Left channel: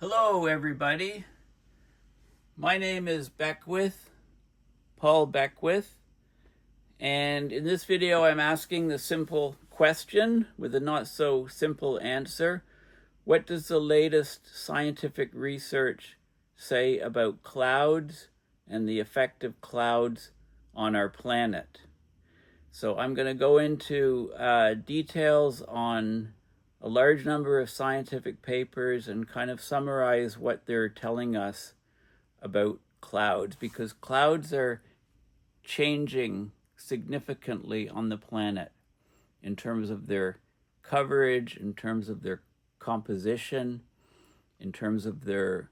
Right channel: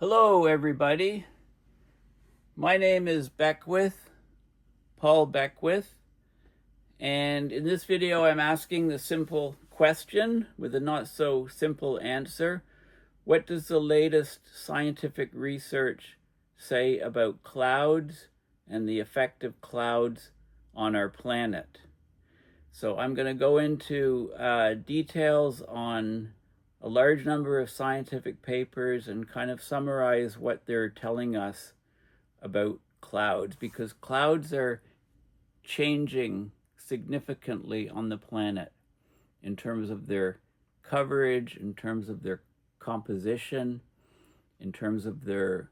Hello everybody, my name is Paul Beckwith, and in this video I'm asking the simple question with a not so simple answer. What does the latest scientific research say about clouds and the effect of clouds on our planet? So I'm going to go into details on a large number of scientific papers and kind of summarize what they're telling us about clouds, because clouds are changing significantly on the planet in terms of their coverage, in terms of their composition, in terms of their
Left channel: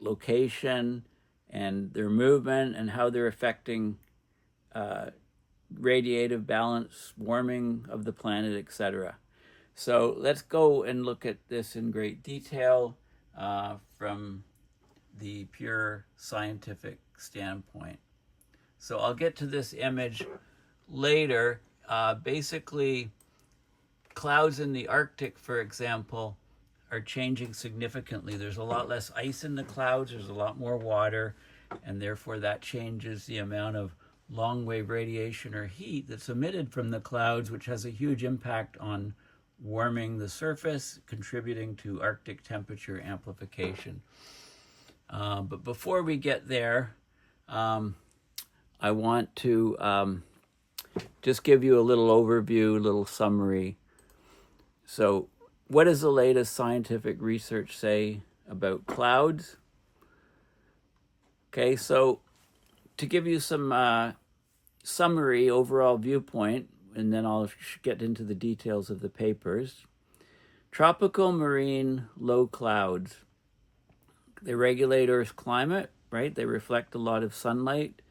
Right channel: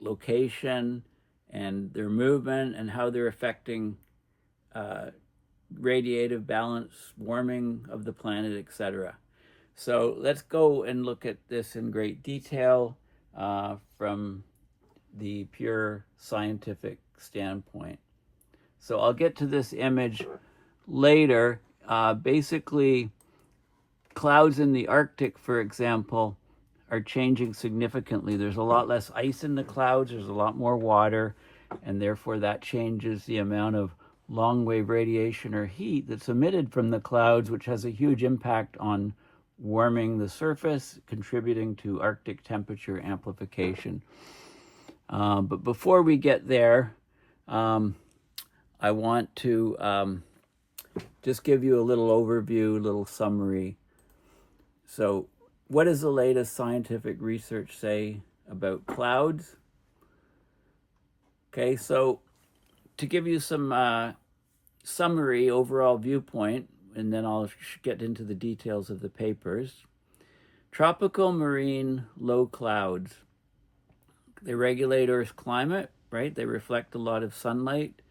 location and their movement and how they're affecting radiative balance, warming of the planet, etc. So let's go and look at this in great detail from the pure scientific standpoint. So I'll get to this image later. Basically, clouds in the Arctic, for example, are changing significantly. There's a lot less ice in the clouds, there's a lot more water, and therefore that changes the amount of long-wave radiation or heat that's emitted from the clouds, which has a huge impact on warming the surface, contributing to Arctic temperature amplification. But before we get there, I want to just give you a little overview, a little summary. So what does the latest scientific research say about clouds? Okay, so to give you some summary, overall viewpoint, and then I'll get into the details of the papers. Tropical marine low clouds. They regulate Earth's climate, right? They reflect a lot of sunlight.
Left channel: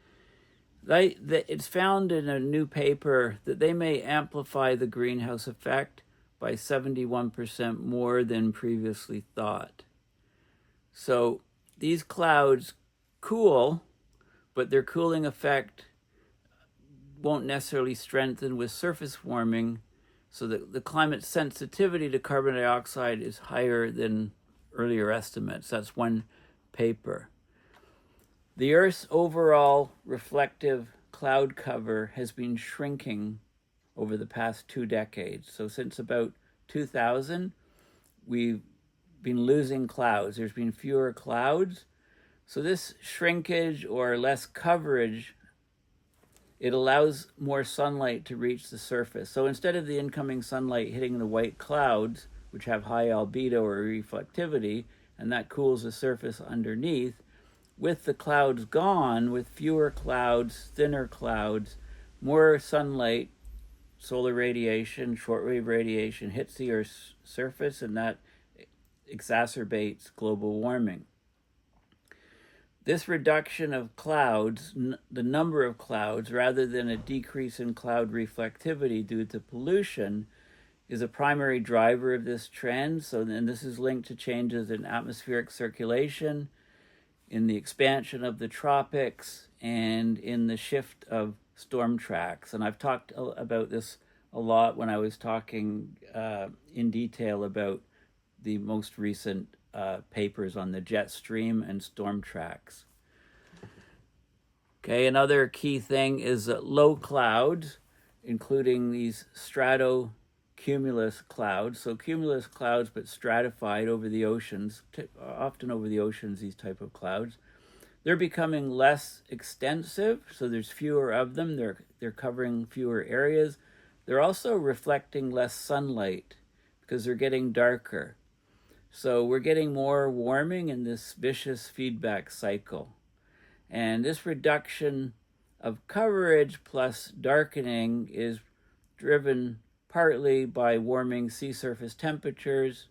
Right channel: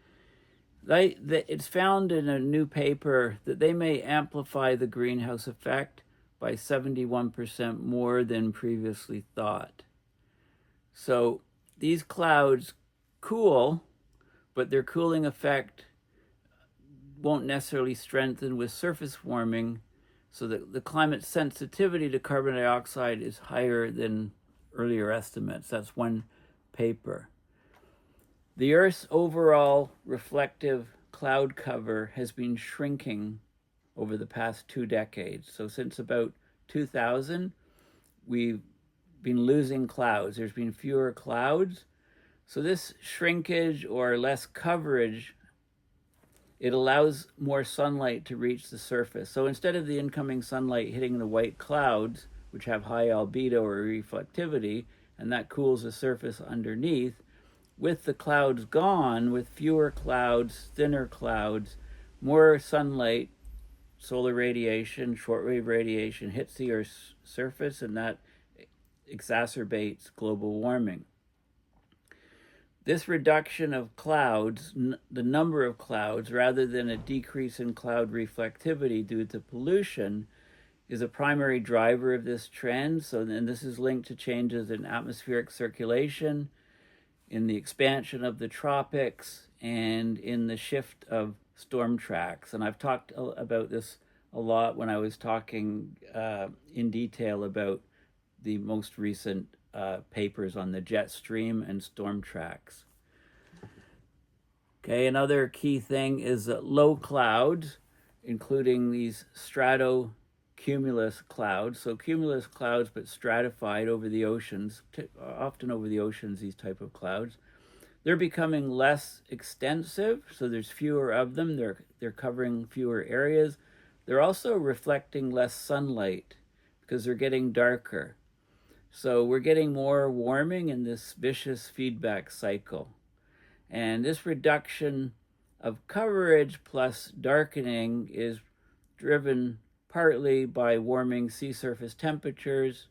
It's found in a new paper that they may amplify the greenhouse effect by 71% more than previously thought. So these clouds cool, but their cooling effect won't necessarily strengthen with surface warming, so that the climate sensitivity to carbon dioxide is higher than earlier estimates. That's one paper. The Earth's overall reflective cloud cover has been shrinking over the past 2 decades. So since about 2000, we've been losing clouds. There's been fewer clouds. So this shrinkage or less coverage, it allows more sunlight to reach the surface. So instead of the incoming sunlight hitting the white clouds, which have high albedo or reflectivity, and that cools the surface underneath, with the clouds gone, with fewer clouds, thinner clouds, more sunlight, solar radiation, shortwave radiation hits the Earth's surface, and that exacerbates global warming. This reduction of clouds, the number of clouds, rather than a decrease in cloud reflectivity due to pollution, is a primary driver of this trend. So then this is linked to changes in atmospheric circulation, in the expansion of the tropics, and in the shift of storm tracks. And I've talked about this a lot when I was talking in detail about the most recent papers on the jet stream and storm tracks. Okay, another key thing is that low clouds, including these stratocumulus clouds, so cumulus clouds but stratified over the oceans, often over the oceans, these type of clouds, they're becoming less extensive, so there's fewer of them, they're covering fewer areas. They're also reflecting less sunlight because they're getting darker. So we're getting more warming in this vicious feedback cycle. And this reduction of coverage plus darkening is driven partly by warming sea surface temperatures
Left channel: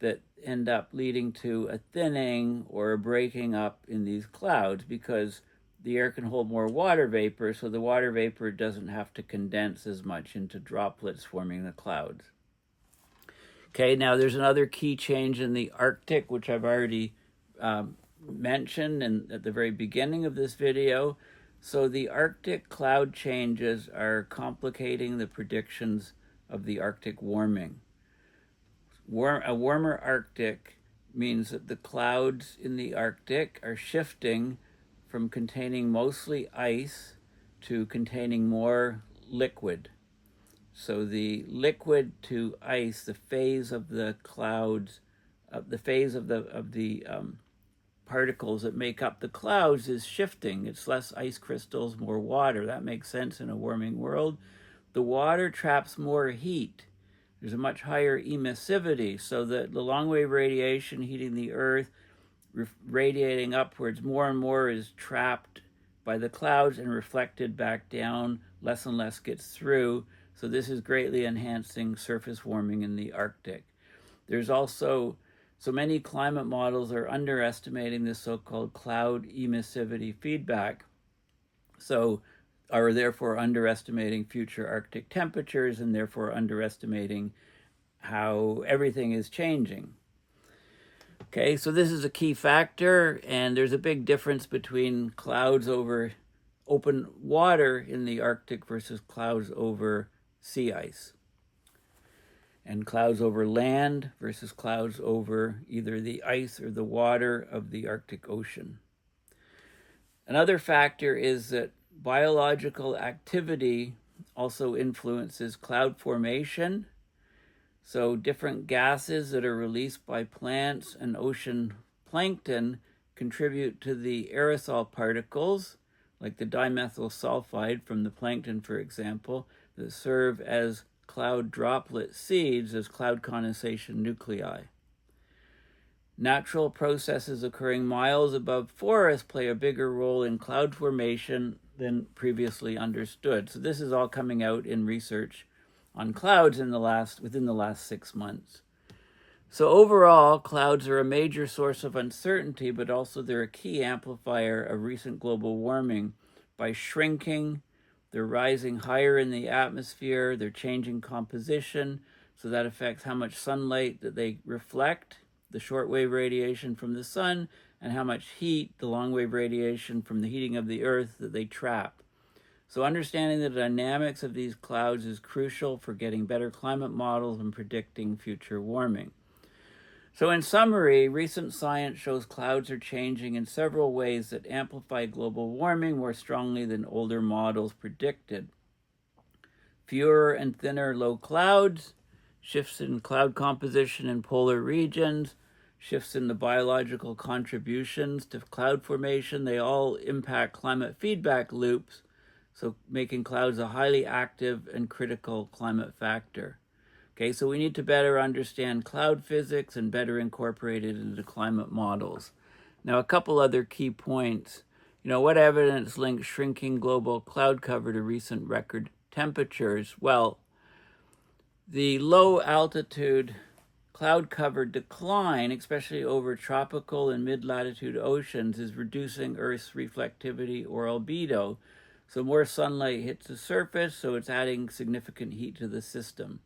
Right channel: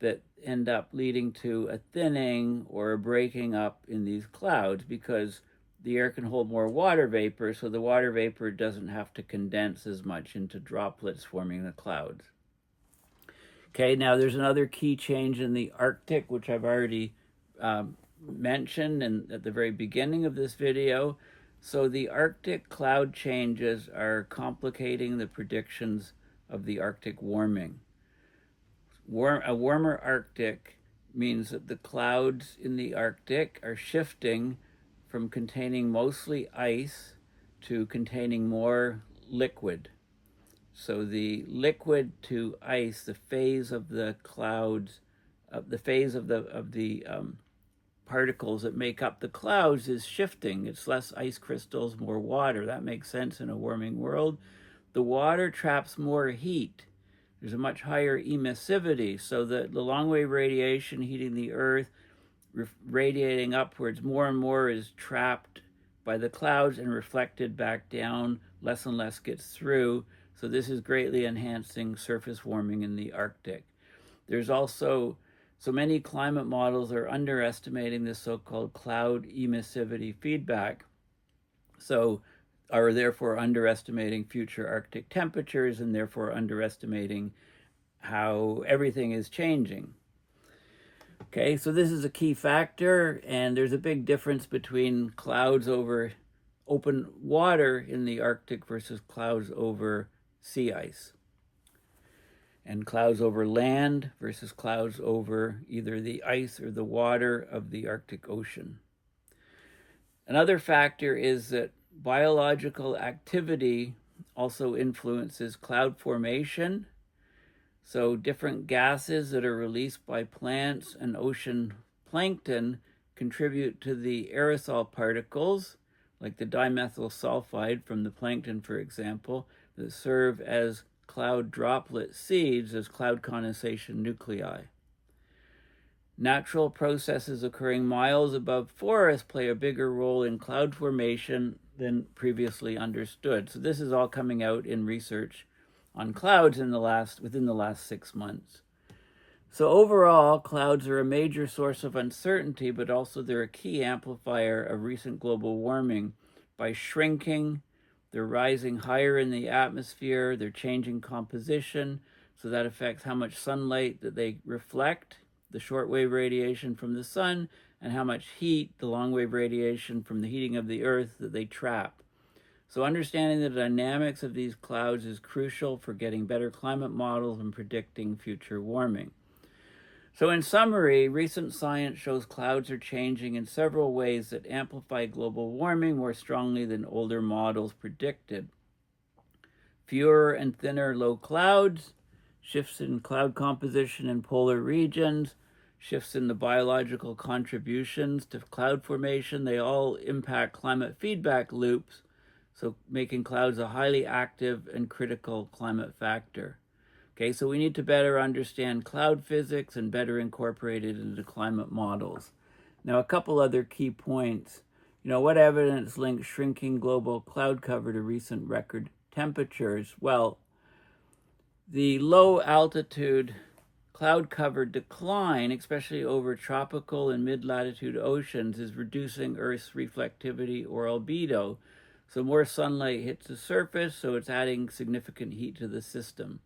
that end up leading to a thinning or a breaking up in these clouds, because the air can hold more water vapor, so the water vapor doesn't have to condense as much into droplets forming the clouds. Okay, now there's another key change in the Arctic, which I've already mentioned at the very beginning of this video. So the Arctic cloud changes are complicating the predictions of the Arctic warming. A warmer Arctic means that the clouds in the Arctic are shifting from containing mostly ice to containing more liquid. So the liquid to ice, the phase of the clouds, the phase of the particles that make up the clouds is shifting. It's less ice crystals, more water. That makes sense in a warming world. The water traps more heat. There's a much higher emissivity, so that the long-wave radiation heating the Earth, radiating upwards, more and more is trapped by the clouds and reflected back down. Less and less gets through. So this is greatly enhancing surface warming in the Arctic. There's also, so many climate models are underestimating this so-called cloud emissivity feedback. So are therefore underestimating future Arctic temperatures and therefore underestimating how everything is changing. Okay, so this is a key factor, and there's a big difference between clouds over open water in the Arctic versus clouds over sea ice, and clouds over land versus clouds over either the ice or the water of the Arctic Ocean. Another factor is that biological activity also influences cloud formation. So different gases that are released by plants and ocean plankton contribute to the aerosol particles, like the dimethyl sulfide from the plankton, for example, that serve as cloud droplet seeds as cloud condensation nuclei. Natural processes occurring miles above forests play a bigger role in cloud formation than previously understood. So this is all coming out in research on clouds within the last 6 months. So overall, clouds are a major source of uncertainty, but also they're a key amplifier of recent global warming. By shrinking, they're rising higher in the atmosphere, they're changing composition, so that affects how much sunlight that they reflect, the shortwave radiation from the sun, and how much heat, the long-wave radiation from the heating of the Earth, that they trap. So understanding the dynamics of these clouds is crucial for getting better climate models and predicting future warming. So in summary, recent science shows clouds are changing in several ways that amplify global warming more strongly than older models predicted. Fewer and thinner low clouds, shifts in cloud composition in polar regions, shifts in the biological contributions to cloud formation, they all impact climate feedback loops, so making clouds a highly active and critical climate factor. Okay, so we need to better understand cloud physics and better incorporate it into climate models. Now, a couple other key points. What evidence links shrinking global cloud cover to recent record temperatures? Well, the low altitude cloud cover decline, especially over tropical and mid-latitude oceans, is reducing Earth's reflectivity or albedo. So more sunlight hits the surface, so it's adding significant heat to the system.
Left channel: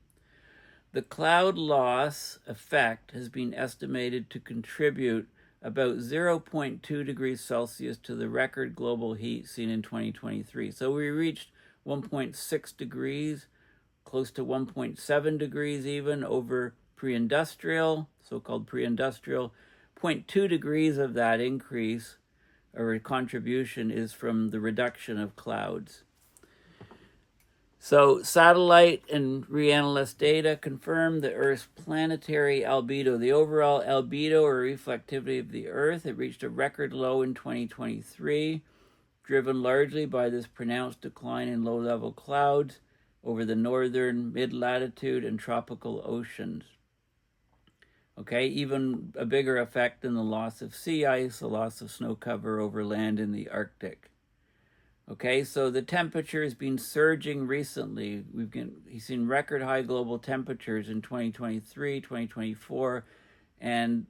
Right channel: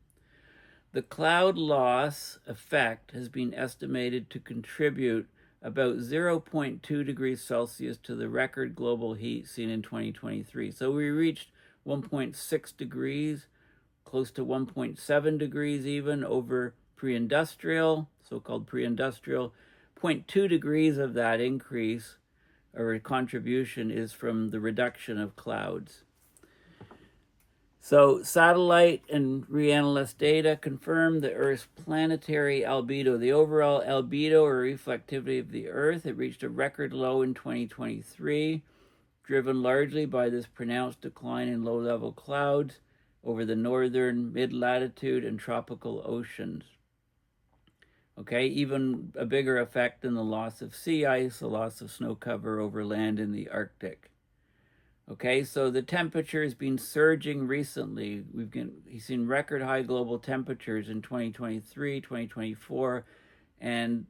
The cloud loss effect has been estimated to contribute about 0.2 degrees Celsius to the record global heat seen in 2023. So we reached 1.6 degrees, close to 1.7 degrees even over pre-industrial, so-called pre-industrial. 0.2 degrees of that increase or contribution is from the reduction of clouds. So satellite and reanalysis data confirm the Earth's planetary albedo. The overall albedo or reflectivity of the Earth, it reached a record low in 2023, driven largely by this pronounced decline in low-level clouds over the northern, mid-latitude, and tropical oceans. Okay, even a bigger effect than the loss of sea ice, the loss of snow cover over land in the Arctic. Okay, so the temperature has been surging recently. We've seen record high global temperatures in 2023, 2024, and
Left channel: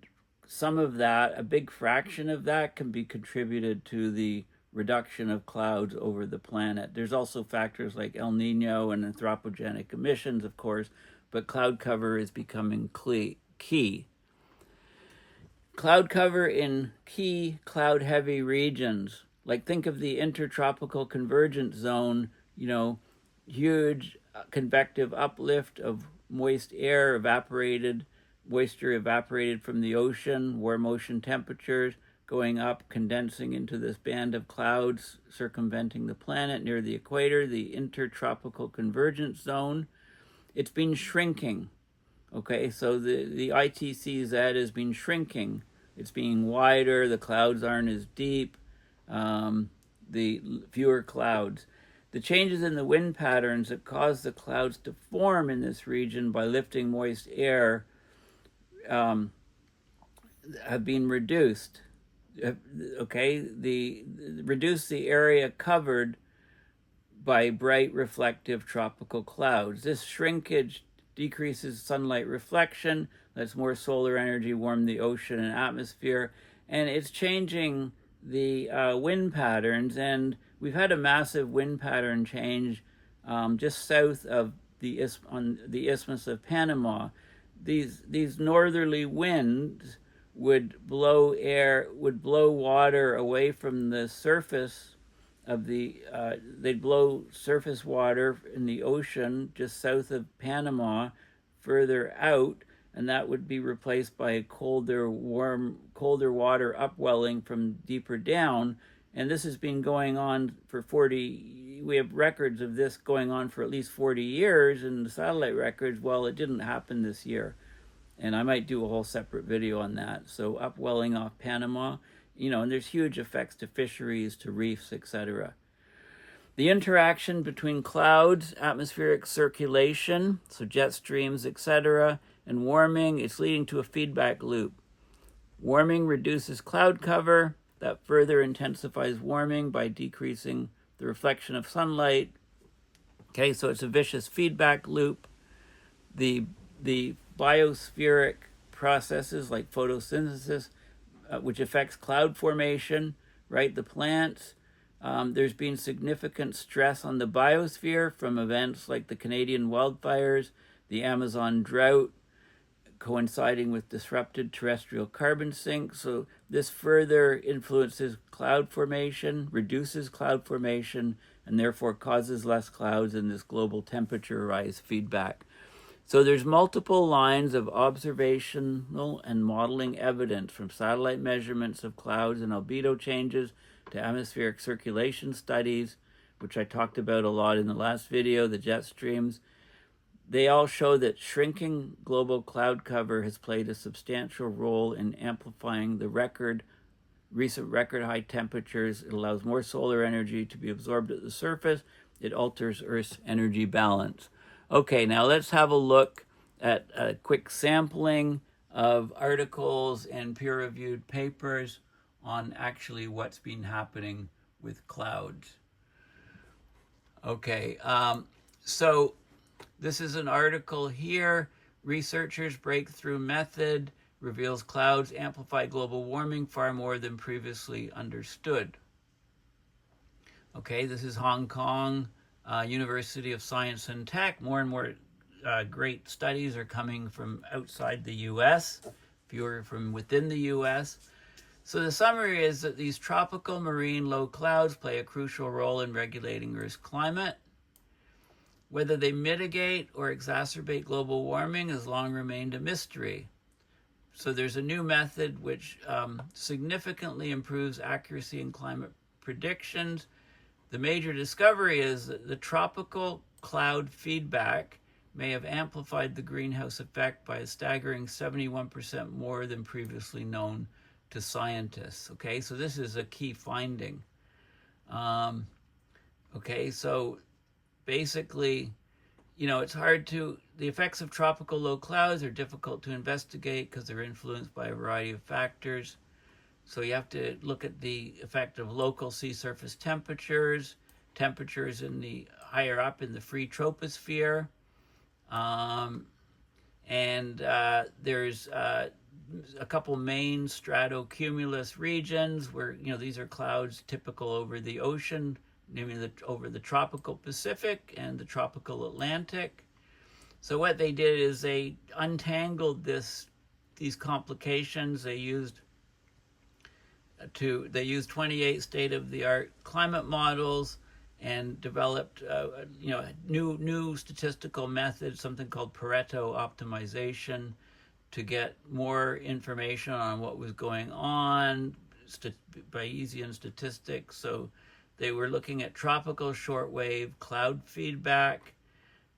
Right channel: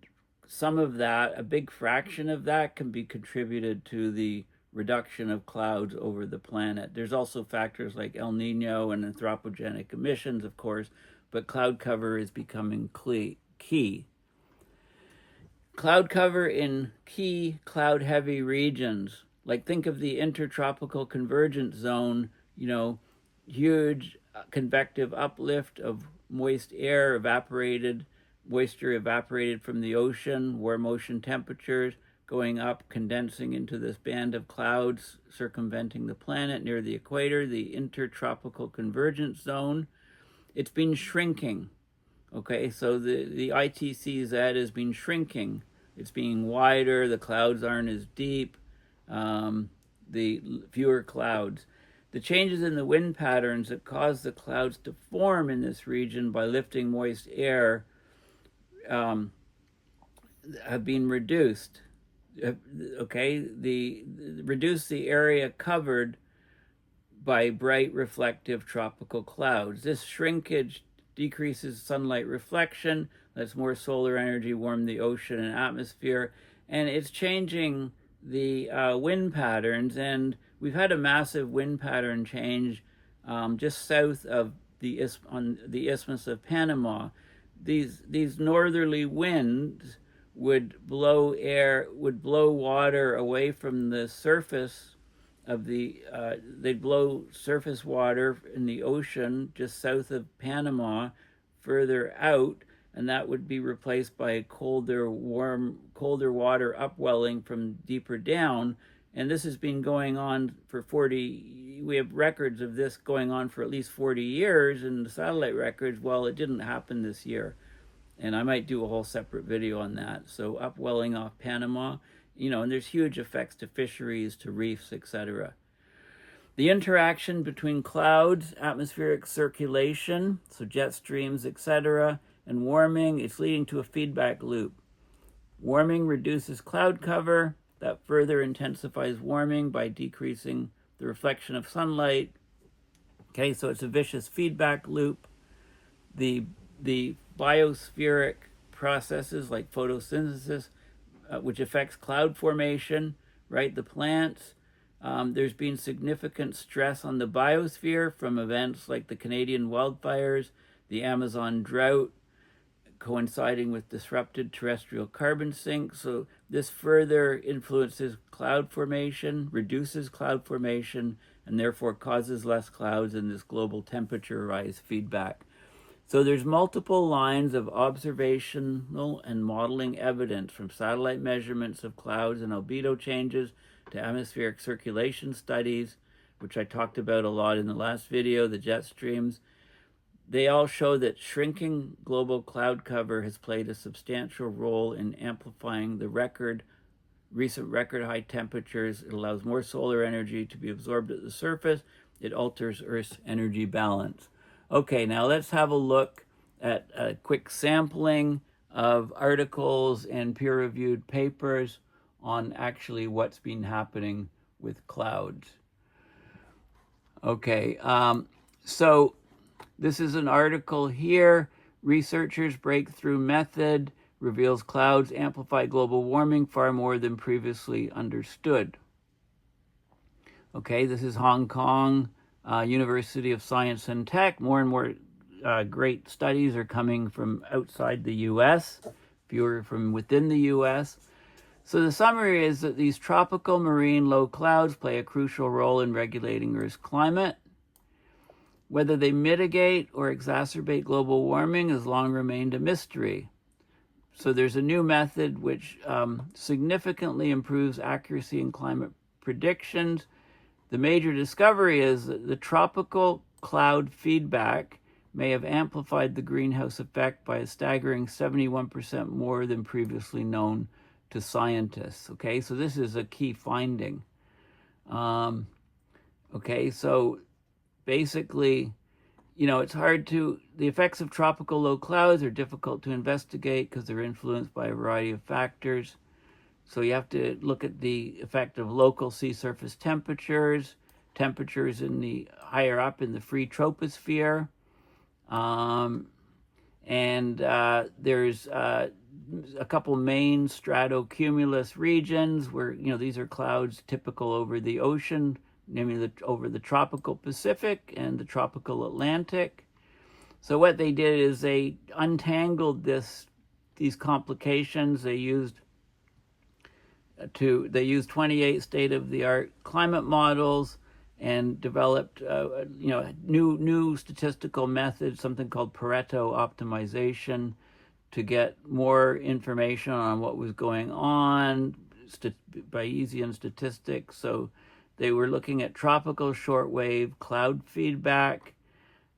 some of that, a big fraction of that, can be contributed to the reduction of clouds over the planet. There's also factors like El Nino and anthropogenic emissions, of course, but cloud cover is becoming key. Cloud cover in key cloud-heavy regions. Like think of the Intertropical convergence zone, huge convective uplift of moist air, evaporated moisture evaporated from the ocean, warm ocean temperatures going up, condensing into this band of clouds circumventing the planet near the equator, the intertropical convergence zone. It's been shrinking. Okay, so the ITCZ has been shrinking. It's being wider, the clouds aren't as deep, the fewer clouds. The changes in the wind patterns that cause the clouds to form in this region by lifting moist air have been reduced. Okay, reduce the area covered by bright reflective tropical clouds. This shrinkage decreases sunlight reflection, lets more solar energy warm the ocean and atmosphere, and it's changing the wind patterns. And we've had a massive wind pattern change just south of on the Isthmus of Panama. These northerly winds would blow water away from the surface of they'd blow surface water in the ocean just south of Panama further out, and that would be replaced by colder water upwelling from deeper down. And this has been going on for we have records of this going on for at least 40 years in the satellite records. Well, it didn't happen this year, and I might do a whole separate video on that. So upwelling off Panama, and there's huge effects to fisheries, to reefs, etc. The interaction between clouds, atmospheric circulation, so jet streams, etc., and warming, it's leading to a feedback loop. Warming reduces cloud cover. That further intensifies warming by decreasing the reflection of sunlight. Okay, so it's a vicious feedback loop. The biospheric processes like photosynthesis, which affects cloud formation, right? The plants. There's been significant stress on the biosphere from events like the Canadian wildfires, the Amazon drought, coinciding with disrupted terrestrial carbon sinks. So this further influences cloud formation, reduces cloud formation, and therefore causes less clouds in this global temperature rise feedback. So there's multiple lines of observational and modeling evidence, from satellite measurements of clouds and albedo changes to atmospheric circulation studies, which I talked about a lot in the last video, the jet streams. They all show that shrinking global cloud cover has played a substantial role in amplifying the recent record high temperatures. It allows more solar energy to be absorbed at the surface. It alters Earth's energy balance. Okay, now let's have a look at a quick sampling of articles and peer-reviewed papers on actually what's been happening with clouds. Okay, so this is an article here. Researchers' breakthrough method reveals clouds amplify global warming far more than previously understood. Okay, this is Hong Kong, University of Science and Tech. More and more great studies are coming from outside the U.S., fewer from within the U.S. So the summary is that these tropical marine low clouds play a crucial role in regulating Earth's climate. Whether they mitigate or exacerbate global warming has long remained a mystery. So there's a new method which significantly improves accuracy in climate predictions. The major discovery is that the tropical cloud feedback may have amplified the greenhouse effect by a staggering 71% more than previously known to scientists. Okay, so this is a key finding. Okay, so basically, it's hard the effects of tropical low clouds are difficult to investigate because they're influenced by a variety of factors. So you have to look at the effect of local sea surface temperatures in the higher up in the free troposphere. There's a couple main stratocumulus regions where, these are clouds typical over the ocean, namely over the tropical Pacific and the tropical Atlantic. So what they did is they untangled these complications. They used 28 state-of-the-art climate models and developed new statistical methods, something called Pareto optimization, to get more information on what was going on, Bayesian statistics. So they were looking at tropical shortwave cloud feedback,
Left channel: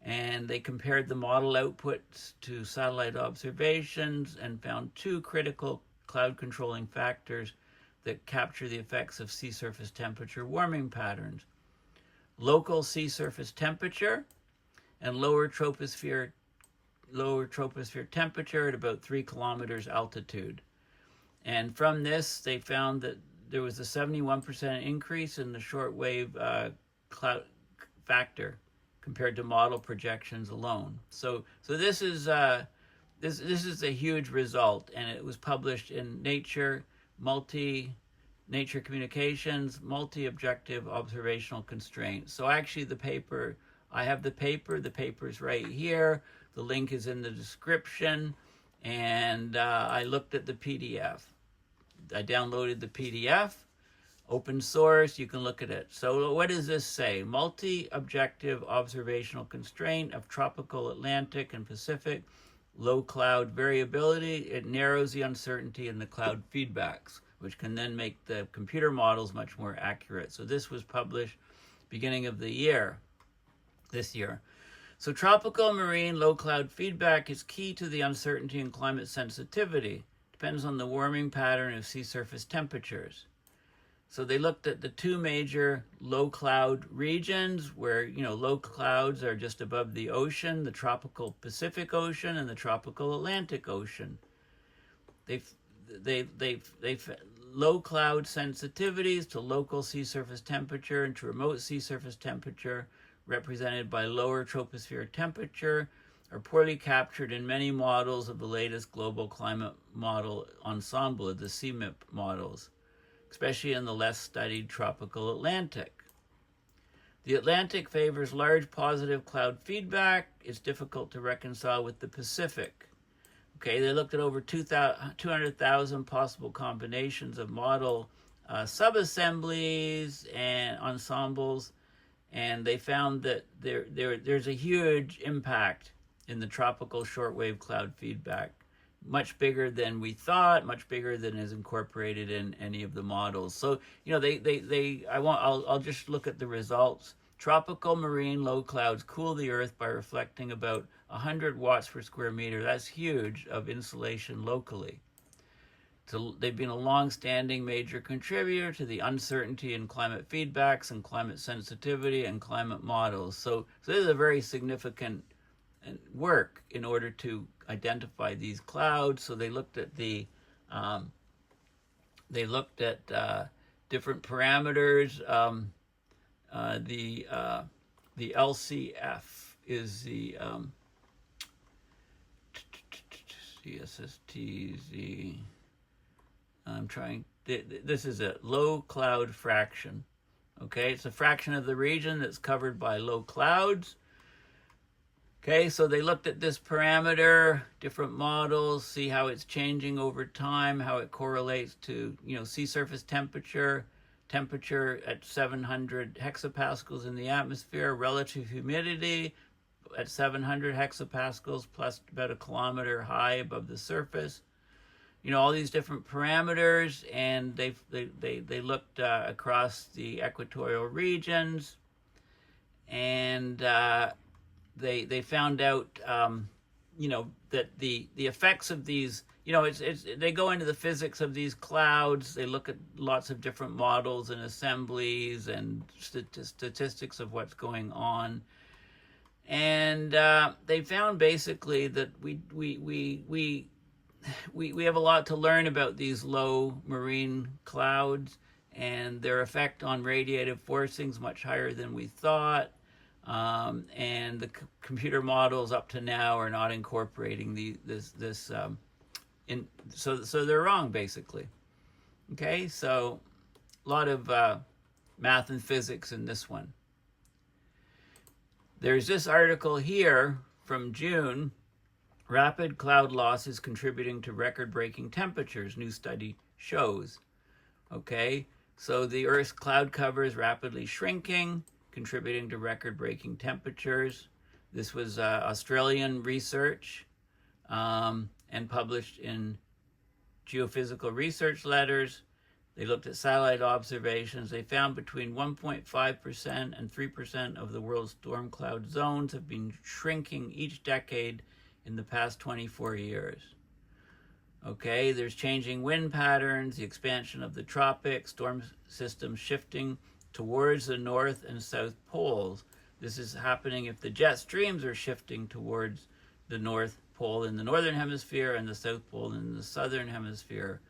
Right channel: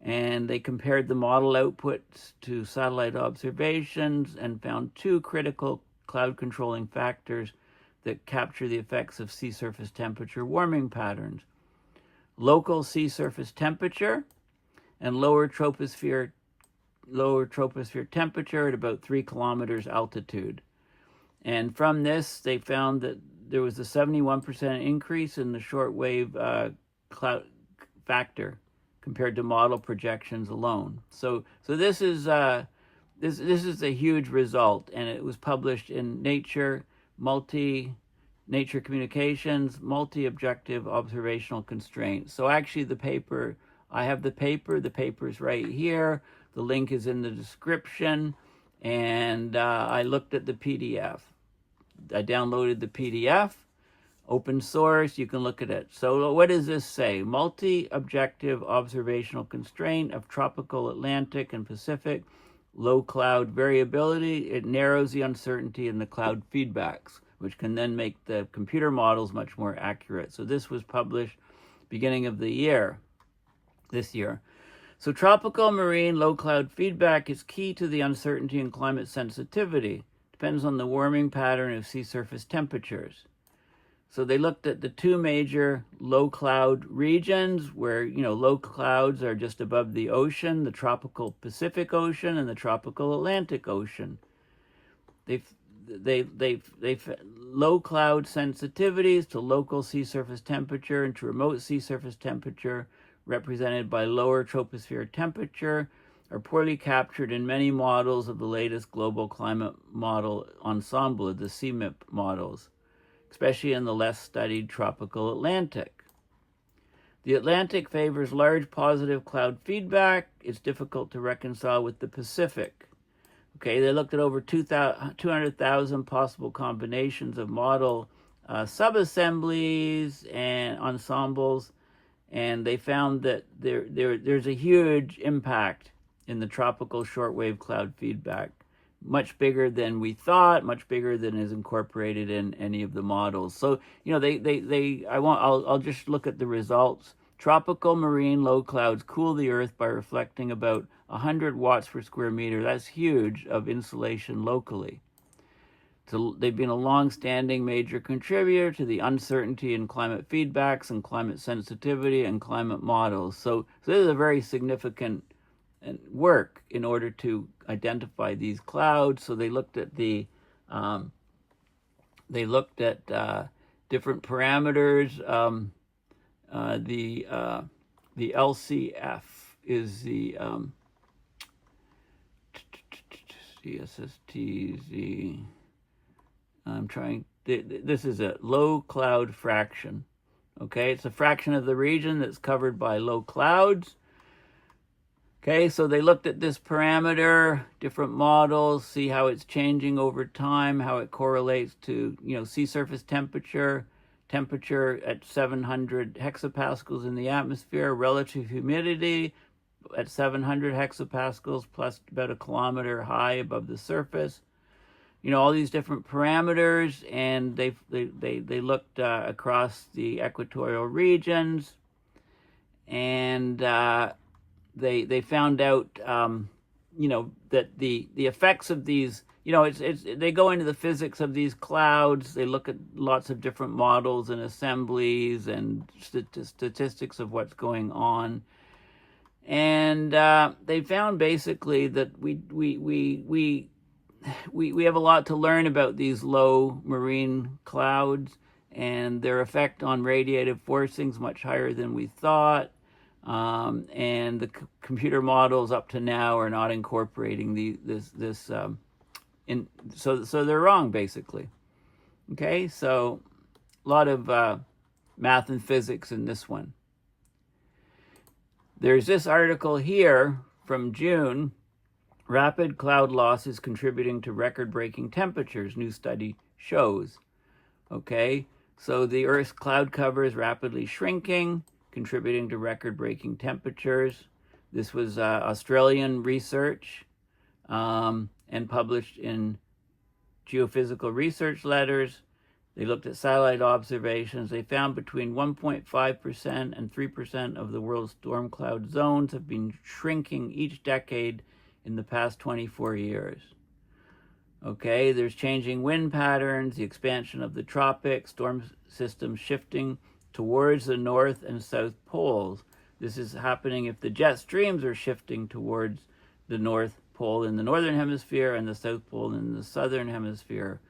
and they compared the model outputs to satellite observations and found two critical cloud controlling factors that capture the effects of sea surface temperature warming patterns: local sea surface temperature and lower troposphere temperature at about 3 kilometers altitude. And from this, they found that there was a 71% increase in the shortwave cloud factor compared to model projections alone. So this is a huge result, and it was published in Nature Communications, Multi-Objective Observational Constraints. So actually the paper, I have the paper's right here. The link is in the description, and I looked at the PDF. I downloaded the PDF, open source, you can look at it. So what does this say? Multi-objective observational constraint of tropical Atlantic and Pacific, low cloud variability. It narrows the uncertainty in the cloud feedbacks, which can then make the computer models much more accurate. So this was published beginning of the year, this year. So tropical marine low cloud feedback is key to the uncertainty in climate sensitivity. Depends on the warming pattern of sea surface temperatures. So they looked at the two major low cloud regions where, low clouds are just above the ocean, the tropical Pacific Ocean and the tropical Atlantic Ocean. They low cloud sensitivities to local sea surface temperature and to remote sea surface temperature, represented by lower troposphere temperature, are poorly captured in many models of the latest global climate model ensemble, the CMIP models, especially in the less studied tropical Atlantic. The Atlantic favors large positive cloud feedback. It's difficult to reconcile with the Pacific. Okay, they looked at over 200,000 possible combinations of model subassemblies and ensembles, and they found that there's a huge impact in the tropical shortwave cloud feedback, much bigger than we thought, much bigger than is incorporated in any of the models. So I'll just look at the results. Tropical marine low clouds cool the Earth by reflecting about 100 watts per square meter. That's huge of insulation locally. So they've been a long-standing major contributor to the uncertainty in climate feedbacks and climate sensitivity and climate models. So this is a very significant work in order to identify these clouds. So they looked at different parameters. The LCF is the CSSTZ. This is a low cloud fraction. Okay, it's a fraction of the region that's covered by low clouds. Okay, so they looked at this parameter, different models, see how it's changing over time, how it correlates to, sea surface temperature at 700 hexapascals in the atmosphere, relative humidity at 700 hexapascals plus about a kilometer high above the surface. All these different parameters, and they looked across the equatorial regions, and they found out that the effects of these, they go into the physics of these clouds. They look at lots of different models and assemblies and statistics of what's going on, and they found basically that we have a lot to learn about these low marine clouds and their effect on radiative forcings much higher than we thought. And the computer models up to now are not incorporating so they're wrong basically. Okay, so a lot of math and physics in this one. There's this article here from June. Rapid cloud loss is contributing to record-breaking temperatures, new study shows. Okay, so the Earth's cloud cover is rapidly shrinking, contributing to record-breaking temperatures. This was Australian research. and published in Geophysical Research Letters. They looked at satellite observations. They found between 1.5% and 3% of the world's storm cloud zones have been shrinking each decade in the past 24 years. Okay, there's changing wind patterns, the expansion of the tropics, storm systems shifting towards the north and south poles. This is happening if the jet streams are shifting towards the North Pole in the northern hemisphere and the South Pole in the southern hemisphere.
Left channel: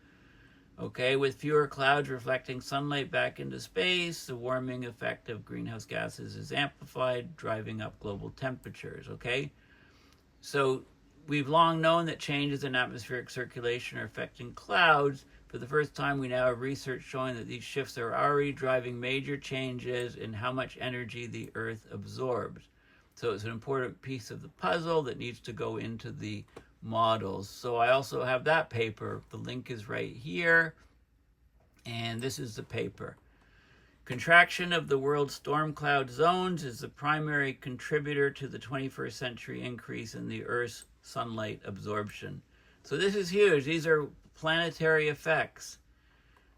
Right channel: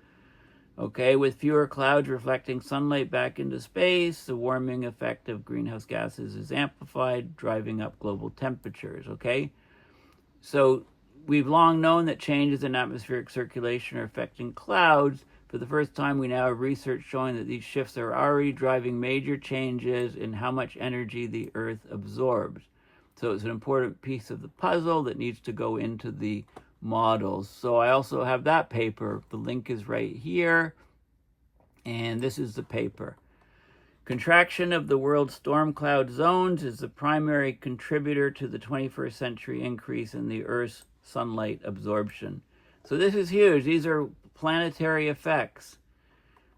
Okay, with fewer clouds reflecting sunlight back into space, the warming effect of greenhouse gases is amplified, driving up global temperatures. Okay, so we've long known that changes in atmospheric circulation are affecting clouds. For the first time, we now have research showing that these shifts are already driving major changes in how much energy the Earth absorbs. So it's an important piece of the puzzle that needs to go into the models. So I also have that paper. The link is right here. And this is the paper. Contraction of the world's storm cloud zones is the primary contributor to the 21st century increase in the Earth's sunlight absorption. So this is huge. These are planetary effects.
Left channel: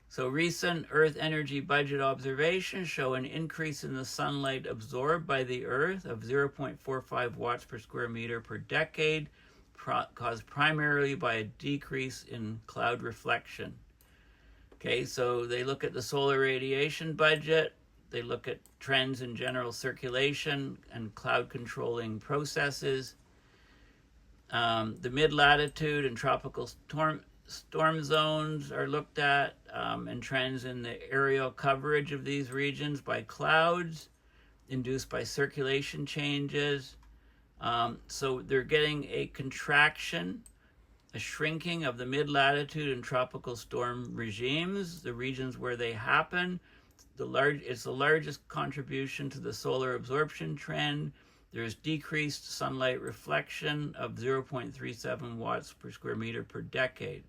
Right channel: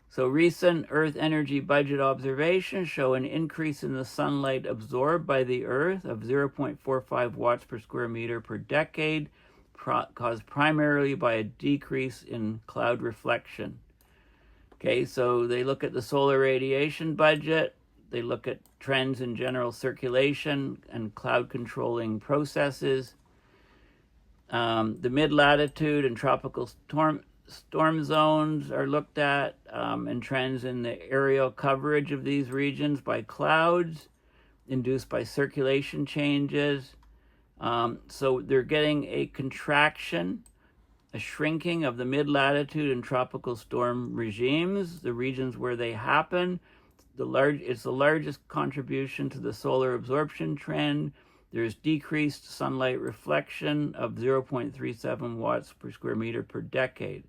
So recent Earth energy budget observations show an increase in the sunlight absorbed by the Earth of 0.45 watts per square meter per decade, caused primarily by a decrease in cloud reflection. Okay, so they look at the solar radiation budget, they look at trends in general circulation and cloud controlling processes. The mid-latitude and tropical storm zones are looked at, and trends in the aerial coverage of these regions by clouds induced by circulation changes. So they're getting a contraction, a shrinking of the mid-latitude and tropical storm regimes, the regions where they happen. It's the largest contribution to the solar absorption trend. There's decreased sunlight reflection of 0.37 watts per square meter per decade.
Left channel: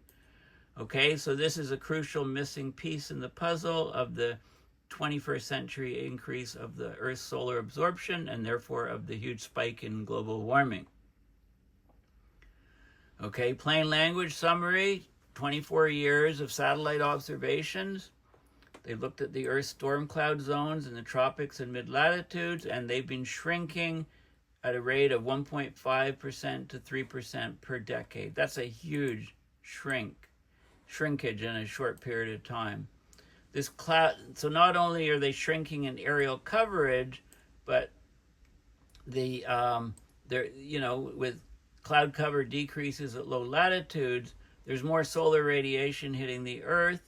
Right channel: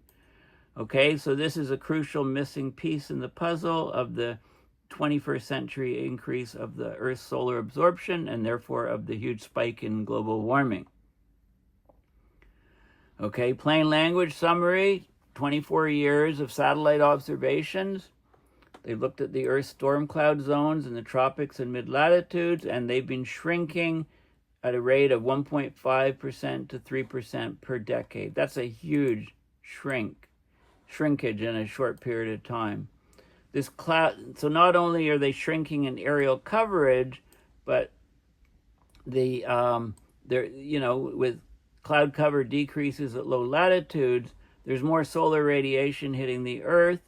Okay, so this is a crucial missing piece in the puzzle of the 21st century increase of the Earth's solar absorption and therefore of the huge spike in global warming. Okay, plain language summary, 24 years of satellite observations. They looked at the Earth's storm cloud zones in the tropics and mid-latitudes, and they've been shrinking at a rate of 1.5% to 3% per decade. That's a huge shrinkage in a short period of time. This cloud, so not only are they shrinking in aerial coverage, but they're, with cloud cover decreases at low latitudes, there's more solar radiation hitting the Earth,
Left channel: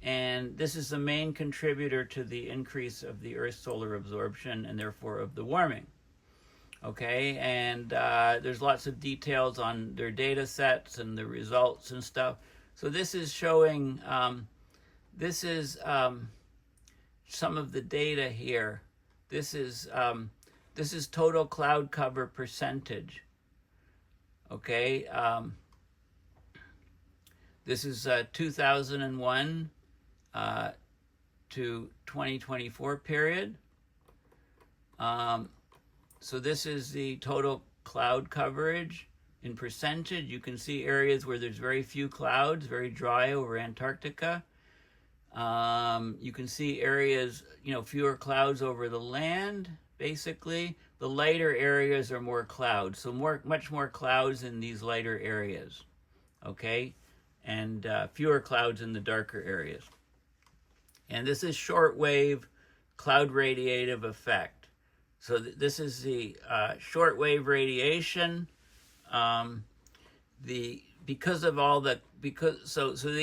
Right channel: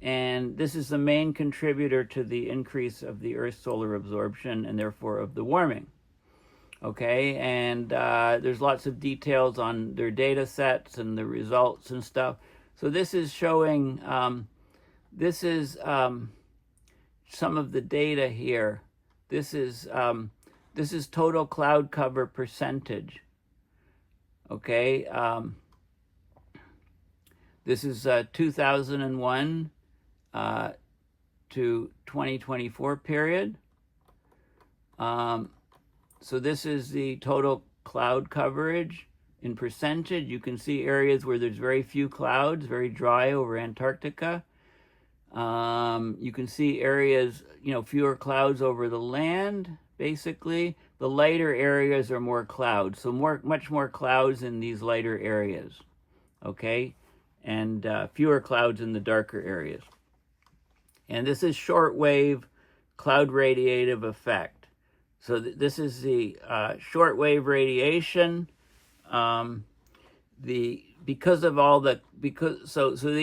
and this is the main contributor to the increase of the Earth's solar absorption and therefore of the warming. Okay, and there's lots of details on their data sets and the results and stuff. So this is showing, this is some of the data here. This is total cloud cover percentage. Okay, this is 2001 to 2024 period. So this is the total cloud coverage in percentage. You can see areas where there's very few clouds, very dry over Antarctica. You can see areas, fewer clouds over the land, basically. The lighter areas are more clouds, so much more clouds in these lighter areas, okay? And fewer clouds in the darker areas. And this is shortwave cloud radiative effect. So this is the shortwave radiation. So the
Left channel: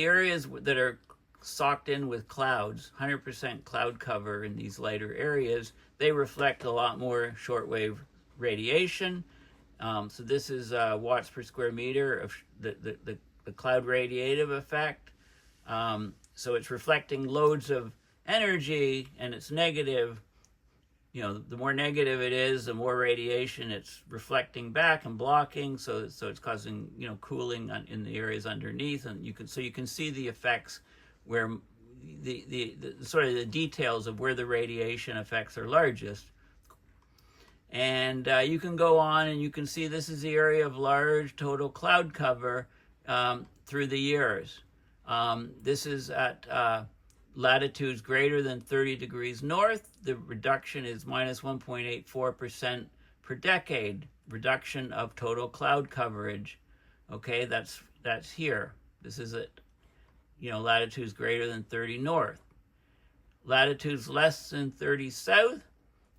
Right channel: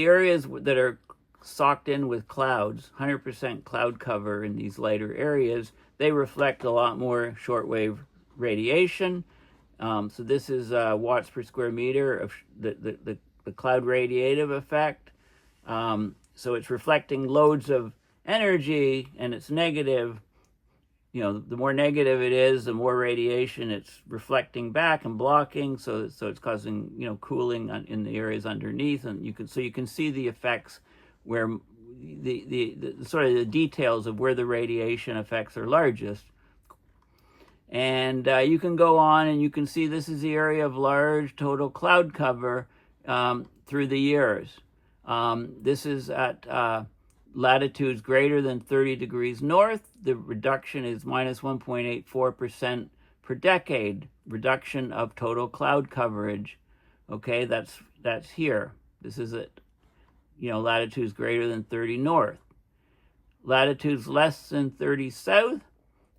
areas that are socked in with clouds, 100% cloud cover in these lighter areas, they reflect a lot more shortwave radiation. So this is watts per square meter of the cloud radiative effect. So it's reflecting loads of energy, and it's negative. The more negative it is, the more radiation it's reflecting back and blocking. So it's causing cooling in the areas underneath, and you can see the effects where the sort of the details of where the radiation effects are largest. And you can go on and you can see this is the area of large total cloud cover through the years. This is at latitudes greater than 30 degrees north. The reduction is minus 1.84% per decade, reduction of total cloud coverage. Okay, that's here. This is at, latitudes greater than 30 north. Latitudes less than 30 south,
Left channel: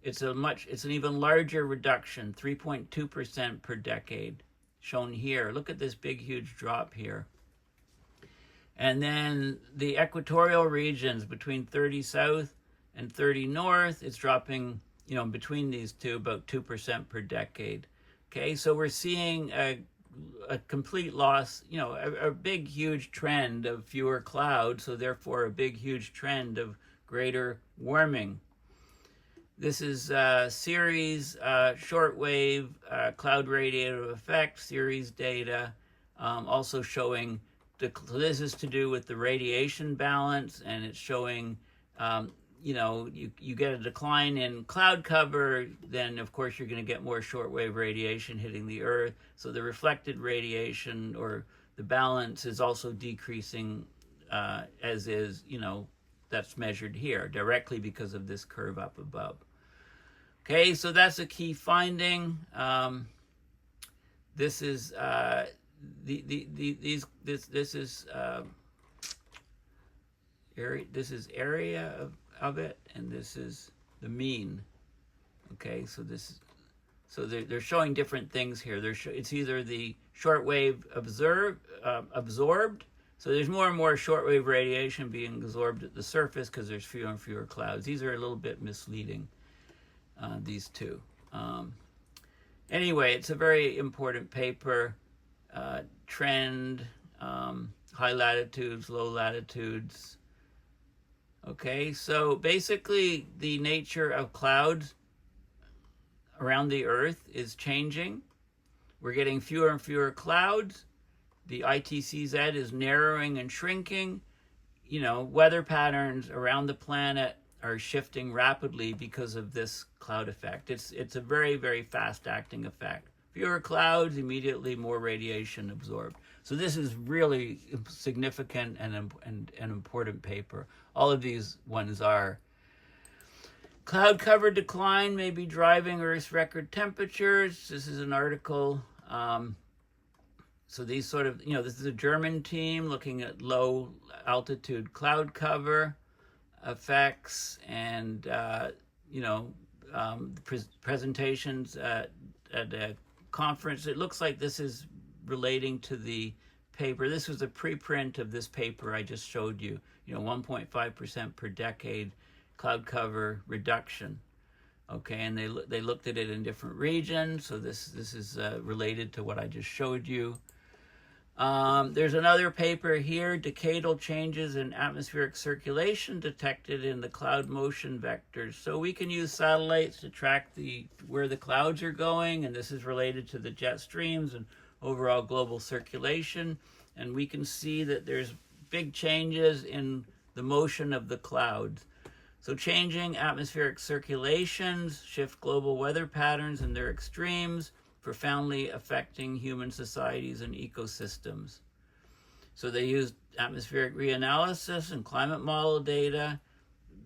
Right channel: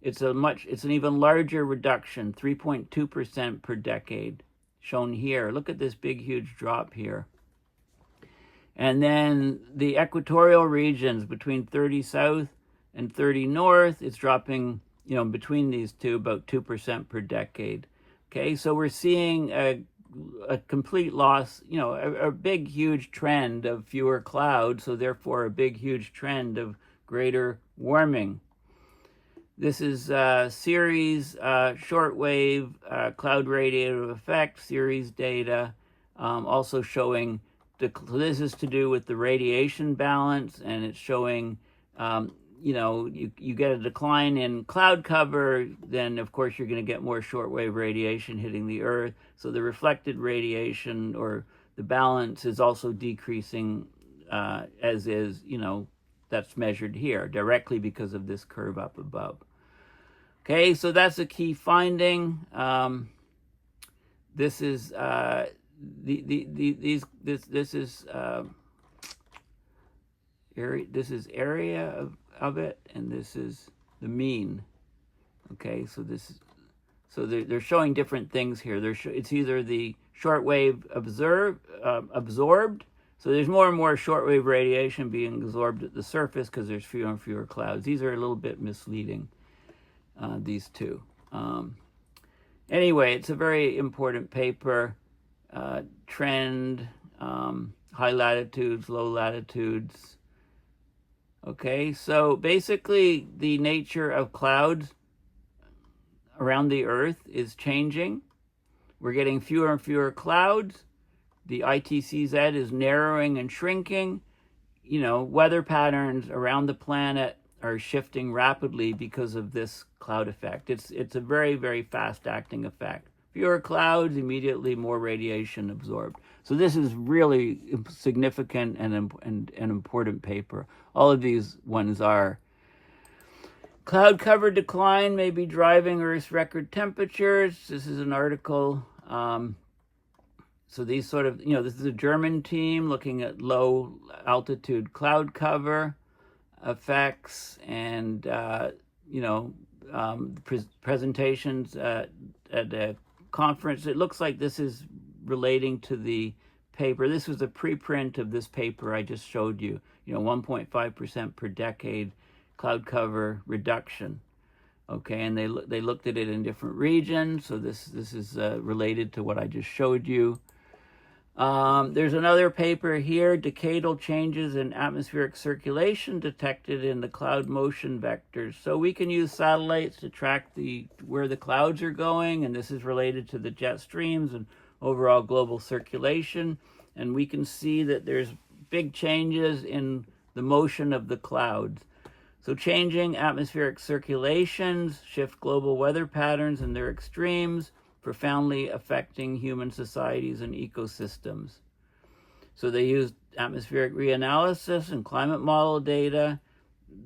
it's an even larger reduction, 3.2% per decade, shown here. Look at this big, huge drop here. And then the equatorial regions between 30 south and 30 north, it's dropping, between these two, about 2% per decade. Okay, so we're seeing a complete loss, a big, huge trend of fewer clouds, so therefore a big, huge trend of greater warming. This is series shortwave cloud radiative effect series data, also showing this is to do with the radiation balance, and it's showing you get a decline in cloud cover, then of course you're going to get more shortwave radiation hitting the Earth. So the reflected radiation, or the balance, is also decreasing, as is, that's measured here directly because of this curve up above. Okay, so that's a key finding. This is area of it, and this is the mean. Okay, so they're showing different things here. It's either the shortwave absorbed. So there's more and more shortwave radiation being absorbed at the surface because there's fewer and fewer clouds. These are a little bit misleading, these two. Anyway, it's a very important paper. Trend, high latitudes, low latitudes. Okay, so basically the nature of clouds around the Earth is changing. We're getting fewer and fewer clouds. The ITCZ is narrowing and shrinking. Weather patterns around the planet are shifting rapidly because of this cloud effect. It's a very, very fast acting effect. Fewer clouds, immediately more radiation absorbed. So this is really significant and an important paper. All of these ones are. Cloud cover decline may be driving Earth's record temperatures. This is an article. So these sort of, this is a German team looking at low altitude cloud cover effects, and, presentations at a conference. It looks like this is relating to the paper. This was a preprint of this paper I just showed you, 1.5% per decade cloud cover reduction. Okay, and they looked at it in different regions, so this is related to what I just showed you. There's another paper here, decadal changes in atmospheric circulation detected in the cloud motion vectors. So we can use satellites to track where the clouds are going, and this is related to the jet streams and overall global circulation. And we can see that there's big changes in the motion of the clouds. So changing atmospheric circulations shift global weather patterns and their extremes, profoundly affecting human societies and ecosystems. So they used atmospheric reanalysis and climate model data.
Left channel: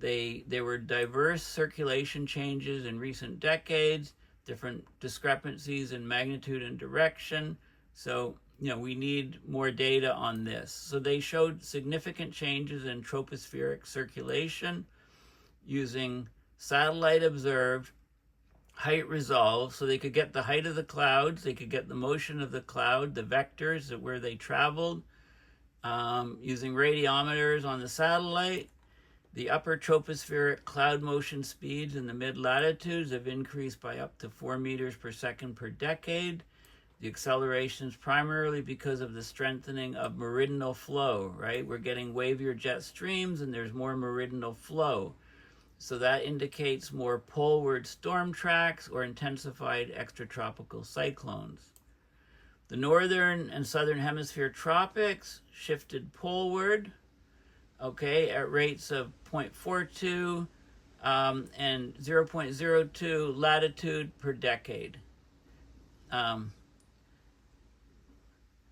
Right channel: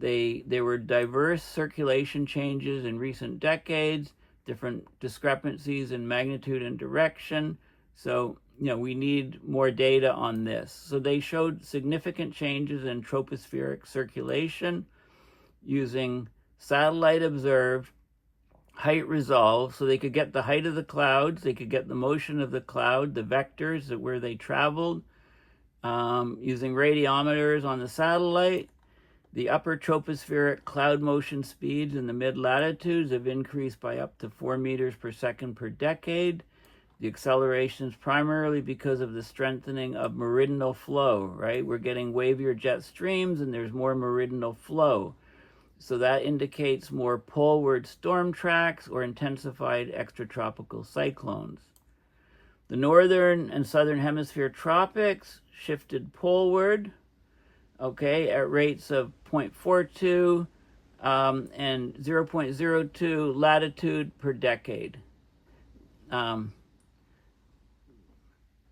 There were diverse circulation changes in recent decades, different discrepancies in magnitude and direction. So, we need more data on this. So they showed significant changes in tropospheric circulation using satellite observed height resolve, so they could get the height of the clouds, they could get the motion of the cloud, the vectors where they traveled, using radiometers on the satellite. The upper tropospheric cloud motion speeds in the mid-latitudes have increased by up to 4 meters per second per decade. The acceleration is primarily because of the strengthening of meridional flow, right? We're getting wavier jet streams and there's more meridional flow. So that indicates more poleward storm tracks or intensified extratropical cyclones. The northern and southern hemisphere tropics shifted poleward, okay, at rates of 0.42 and 0.02 latitude per decade.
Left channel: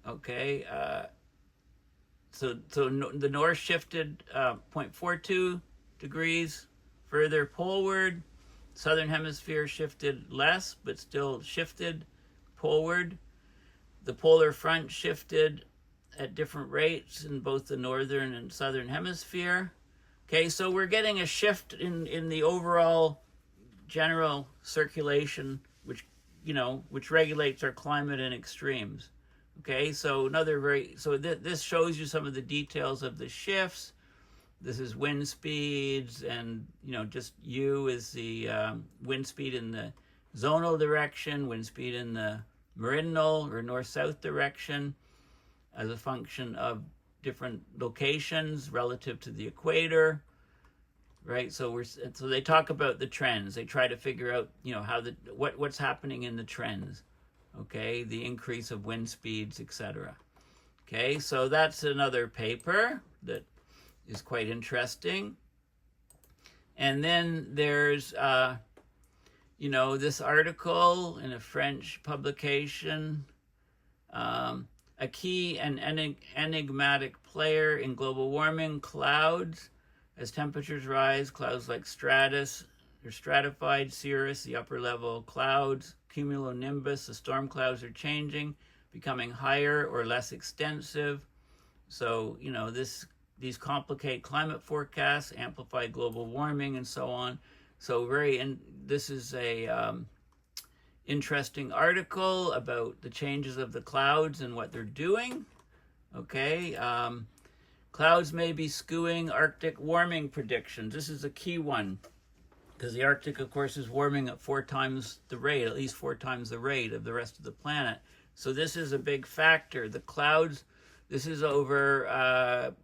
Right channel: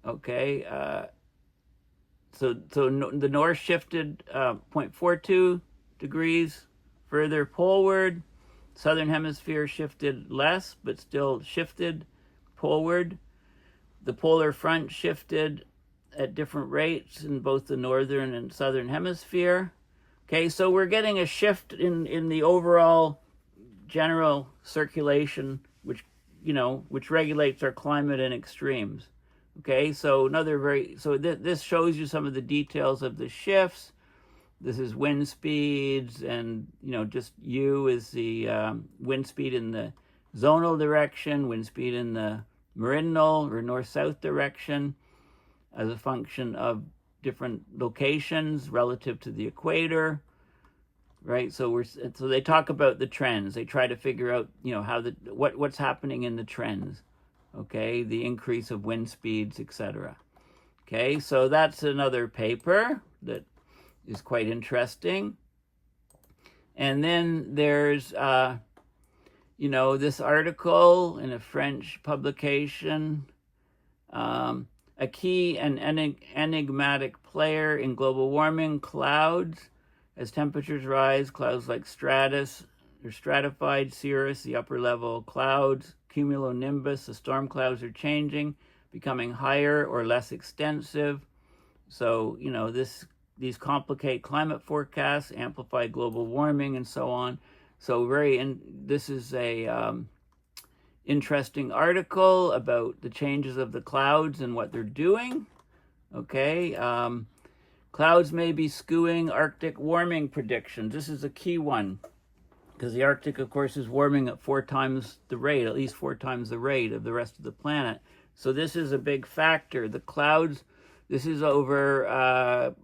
Okay, so the north shifted 0.42 degrees further poleward. Southern hemisphere shifted less, but still shifted poleward. The polar front shifted at different rates in both the northern and southern hemisphere. Okay, so we're getting a shift in the overall general circulation, which regulates our climate in extremes. Okay, so this shows you some of the details of the shifts. This is wind speeds, and just U is the wind speed in the zonal direction, wind speed in the meridional or north-south direction as a function of different locations relative to the equator, right? So they talk about the trends. They try to figure out how what's happening in the trends, okay, the increase of wind speeds, etc. Okay, so that's another paper that is quite interesting. And then there's this article in a French publication, a key and enigmatic player in global warming, clouds. As temperatures rise, clouds like stratus or stratified cirrus, the upper level clouds, cumulonimbus, the storm clouds are changing, becoming higher or less extensive. So, these complicate climate forecasts, amplify global warming, and so on. So this is a interesting article about the changes of the clouds and what they're doing. Okay, clouds may be skewing Arctic warming predictions. This is a key one, because the Arctic, of course, is warming at 4 times the rate, at least 4 times the rate of the rest of the planet. So this is a big factor. The clouds, this is over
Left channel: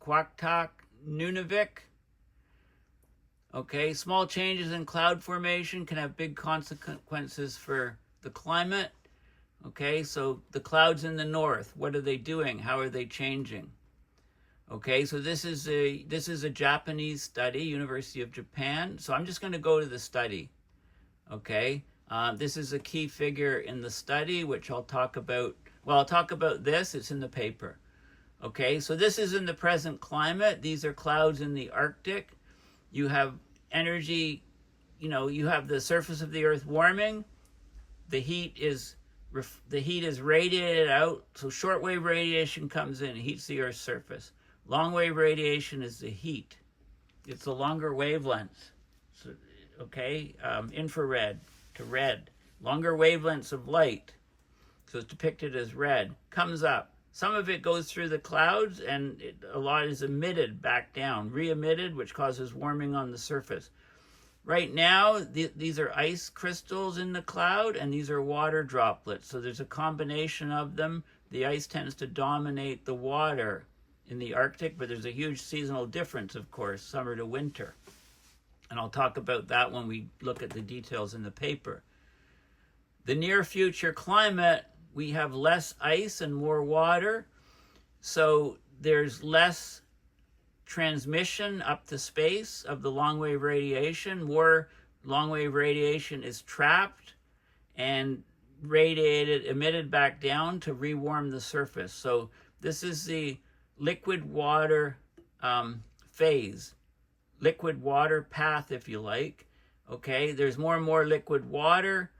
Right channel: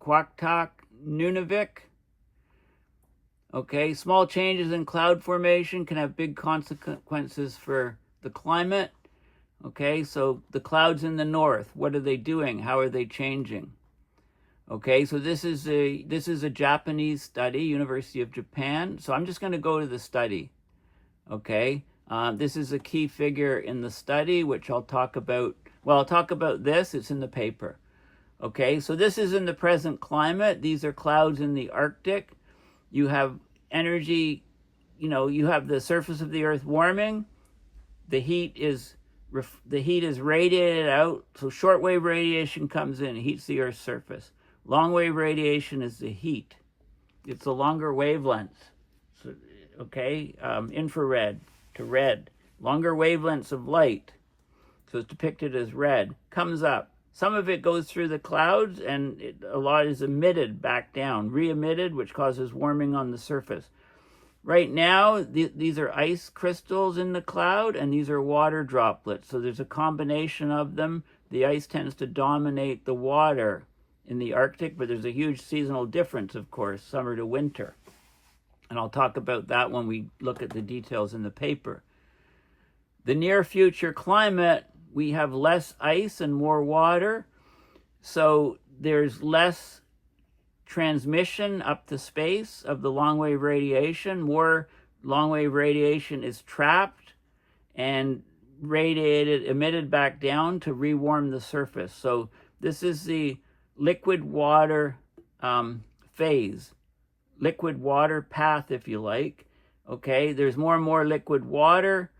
Quaqtak, Nunavik. Okay, small changes in cloud formation can have big consequences for the climate. Okay, so the clouds in the north, what are they doing? How are they changing? Okay, so this is a Japanese study, University of Japan. So I'm just going to go to the study. Okay, this is a key figure in the study, which I'll talk about. Well, I'll talk about this. It's in the paper. Okay, so this is in the present climate. These are clouds in the Arctic. You have energy, you have the surface of the Earth warming. The heat is radiated out. So shortwave radiation comes in, heats the Earth's surface. Long-wave radiation is the heat. It's the longer wavelengths. So, okay, infrared to red. Longer wavelengths of light, so it's depicted as red, comes up. Some of it goes through the clouds, and a lot is emitted back down, re-emitted, which causes warming on the surface. Right now, these are ice crystals in the cloud, and these are water droplets. So there's a combination of them. The ice tends to dominate the water in the Arctic, but there's a huge seasonal difference, of course, summer to winter. And I'll talk about that when we look at the details in the paper. The near future climate, we have less ice and more water, so there's less transmission up to space of the long-wave radiation. More long-wave radiation is trapped and emitted back down to rewarm the surface. So this is the liquid water phase, liquid water path, if you like. Okay, there's more and more liquid water.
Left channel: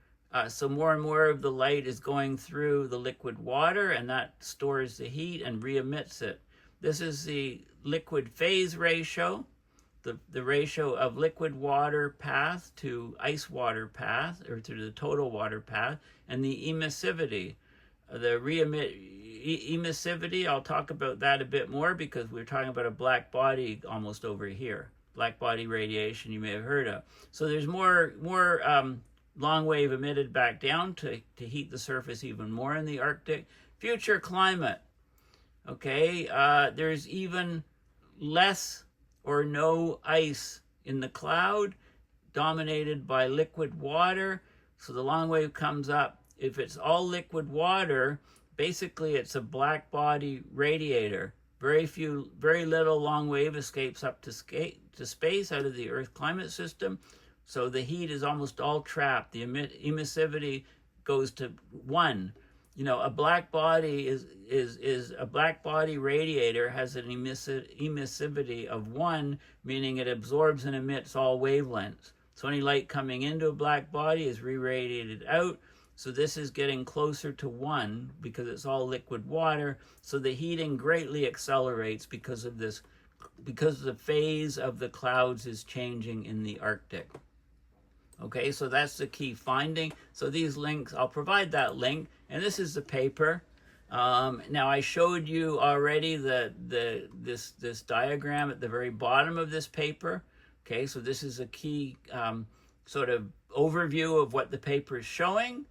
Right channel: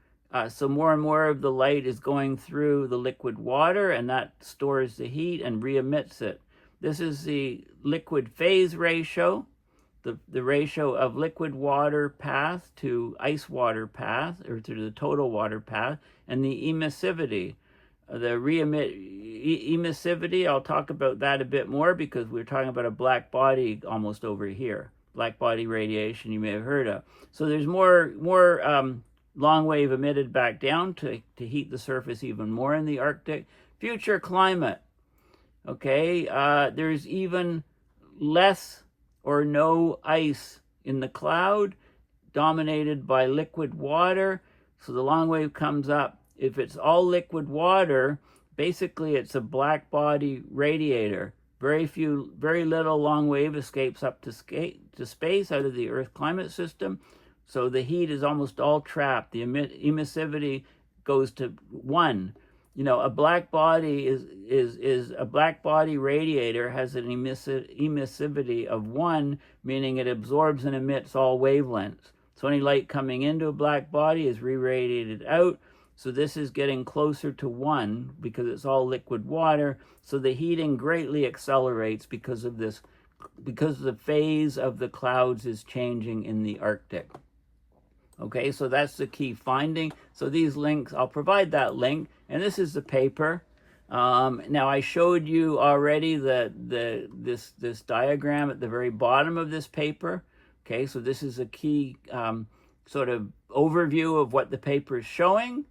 So more and more of the light is going through the liquid water, and that stores the heat and re-emits it. This is the liquid phase ratio, the ratio of liquid water path to ice water path, or to the total water path, and the emissivity. Emissivity, I'll talk about that a bit more, because we're talking about a black body almost over here. Black body radiation you may have heard of. So there's more long wave emitted back down to heat the surface even more in the Arctic. Future climate, okay, there's even less or no ice in the cloud, dominated by liquid water. So the long wave comes up. If it's all liquid water, basically it's a black body radiator Very little long wave escapes up to space out of the Earth climate system. So the heat is almost all trapped. The emissivity goes to 1. You know, a black body is a black body radiator has an emissivity of 1, meaning it absorbs and emits all wavelengths. So any light coming into a black body is re-radiated out. So this is getting closer to 1 because it's all liquid water. So the heating greatly accelerates because of this, because the phase of the clouds is changing in the Arctic. Okay, so that's the key finding. So these links, I'll provide that link, and this is the paper. Now I showed you already this diagram at the very bottom of this paper. Okay, so this is a key sort of overview of what the paper is showing.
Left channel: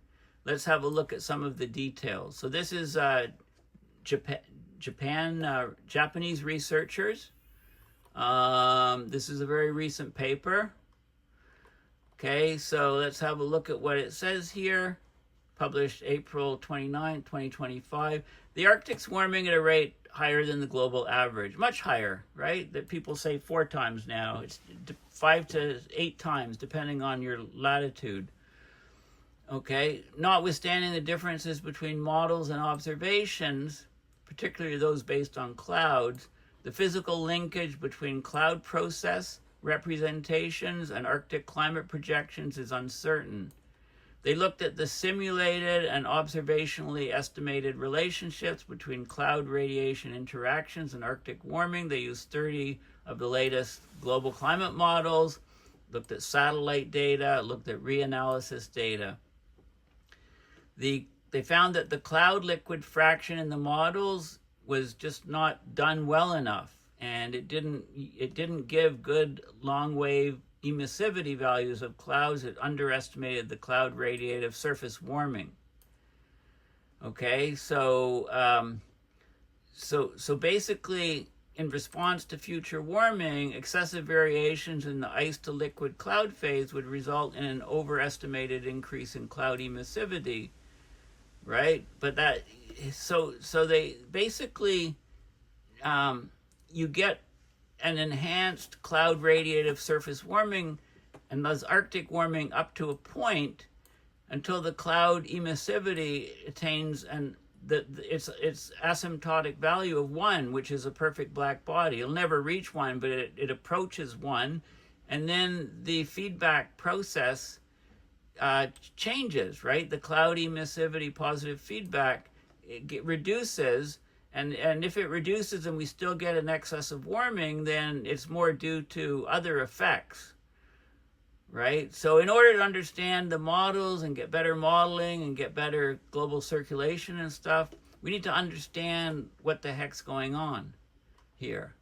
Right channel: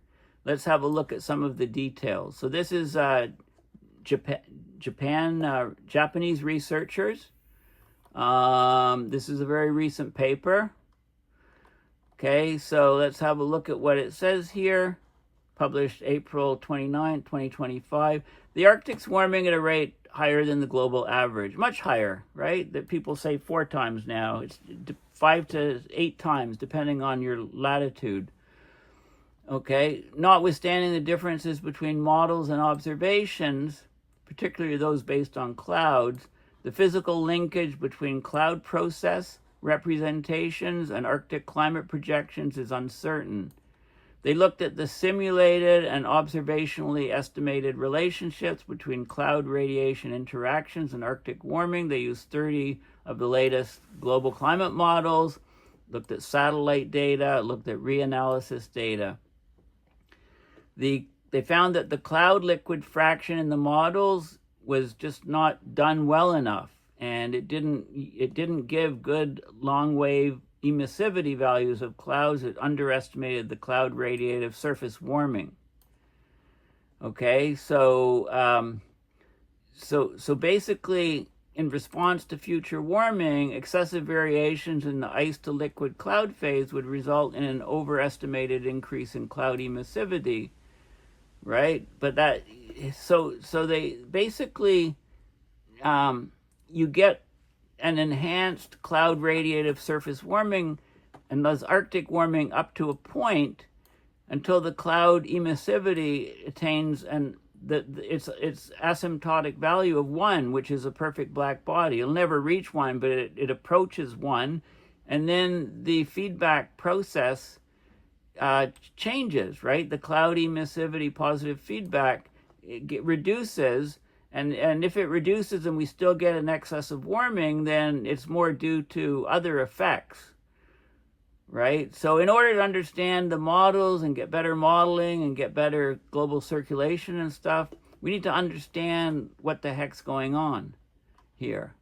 Let's have a look at some of the details. So this is Japanese researchers. This is a very recent paper. Okay, so let's have a look at what it says here. Published April 29, 2025. The Arctic's warming at a rate higher than the global average. Much higher, right? That people say 4 times now. It's 5 to 8 times, depending on your latitude. Okay, notwithstanding the differences between models and observations, particularly those based on clouds, the physical linkage between cloud process representations and Arctic climate projections is uncertain. They looked at the simulated and observationally estimated relationships between cloud radiation interactions and Arctic warming. They used 30 of the latest global climate models, looked at satellite data, looked at reanalysis data. They found that the cloud liquid fraction in the models was just not done well enough, and it didn't give good long wave emissivity values of clouds. It underestimated the cloud radiative surface warming. Okay, so basically, in response to future warming, excessive variations in the ice to liquid cloud phase would result in an overestimated increase in cloud emissivity, right? But that, so they basically, you get an enhanced cloud radiative surface warming and thus Arctic warming up to a point until the cloud emissivity attains its asymptotic value of 1, which is a perfect black body. It'll never reach 1, but it approaches 1, and then the feedback process changes, right? The cloud emissivity positive feedback reduces, and if it reduces and we still get an excess of warming, then it's more due to other effects, right? So in order to understand the models and get better modeling and get better global circulation and stuff, we need to understand what the heck's going on here.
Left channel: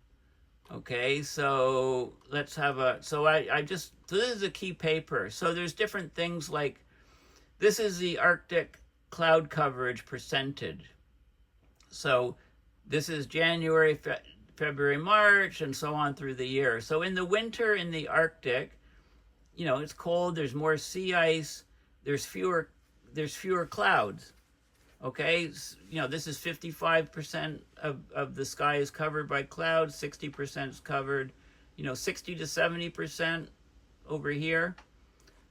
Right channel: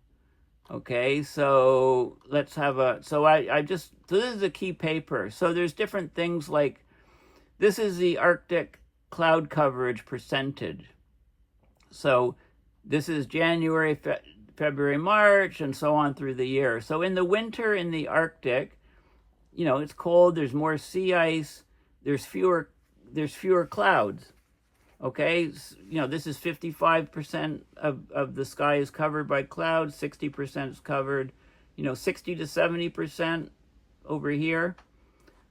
Okay, so let's have so this is a key paper. So there's different things like, this is the Arctic cloud coverage percentage. So this is January, February, March, and so on through the year. So in the winter in the Arctic, you know, it's cold, there's more sea ice, there's fewer clouds. Okay, you know, this is 55% of the sky is covered by clouds, 60% is covered, you know, 60 to 70% over here.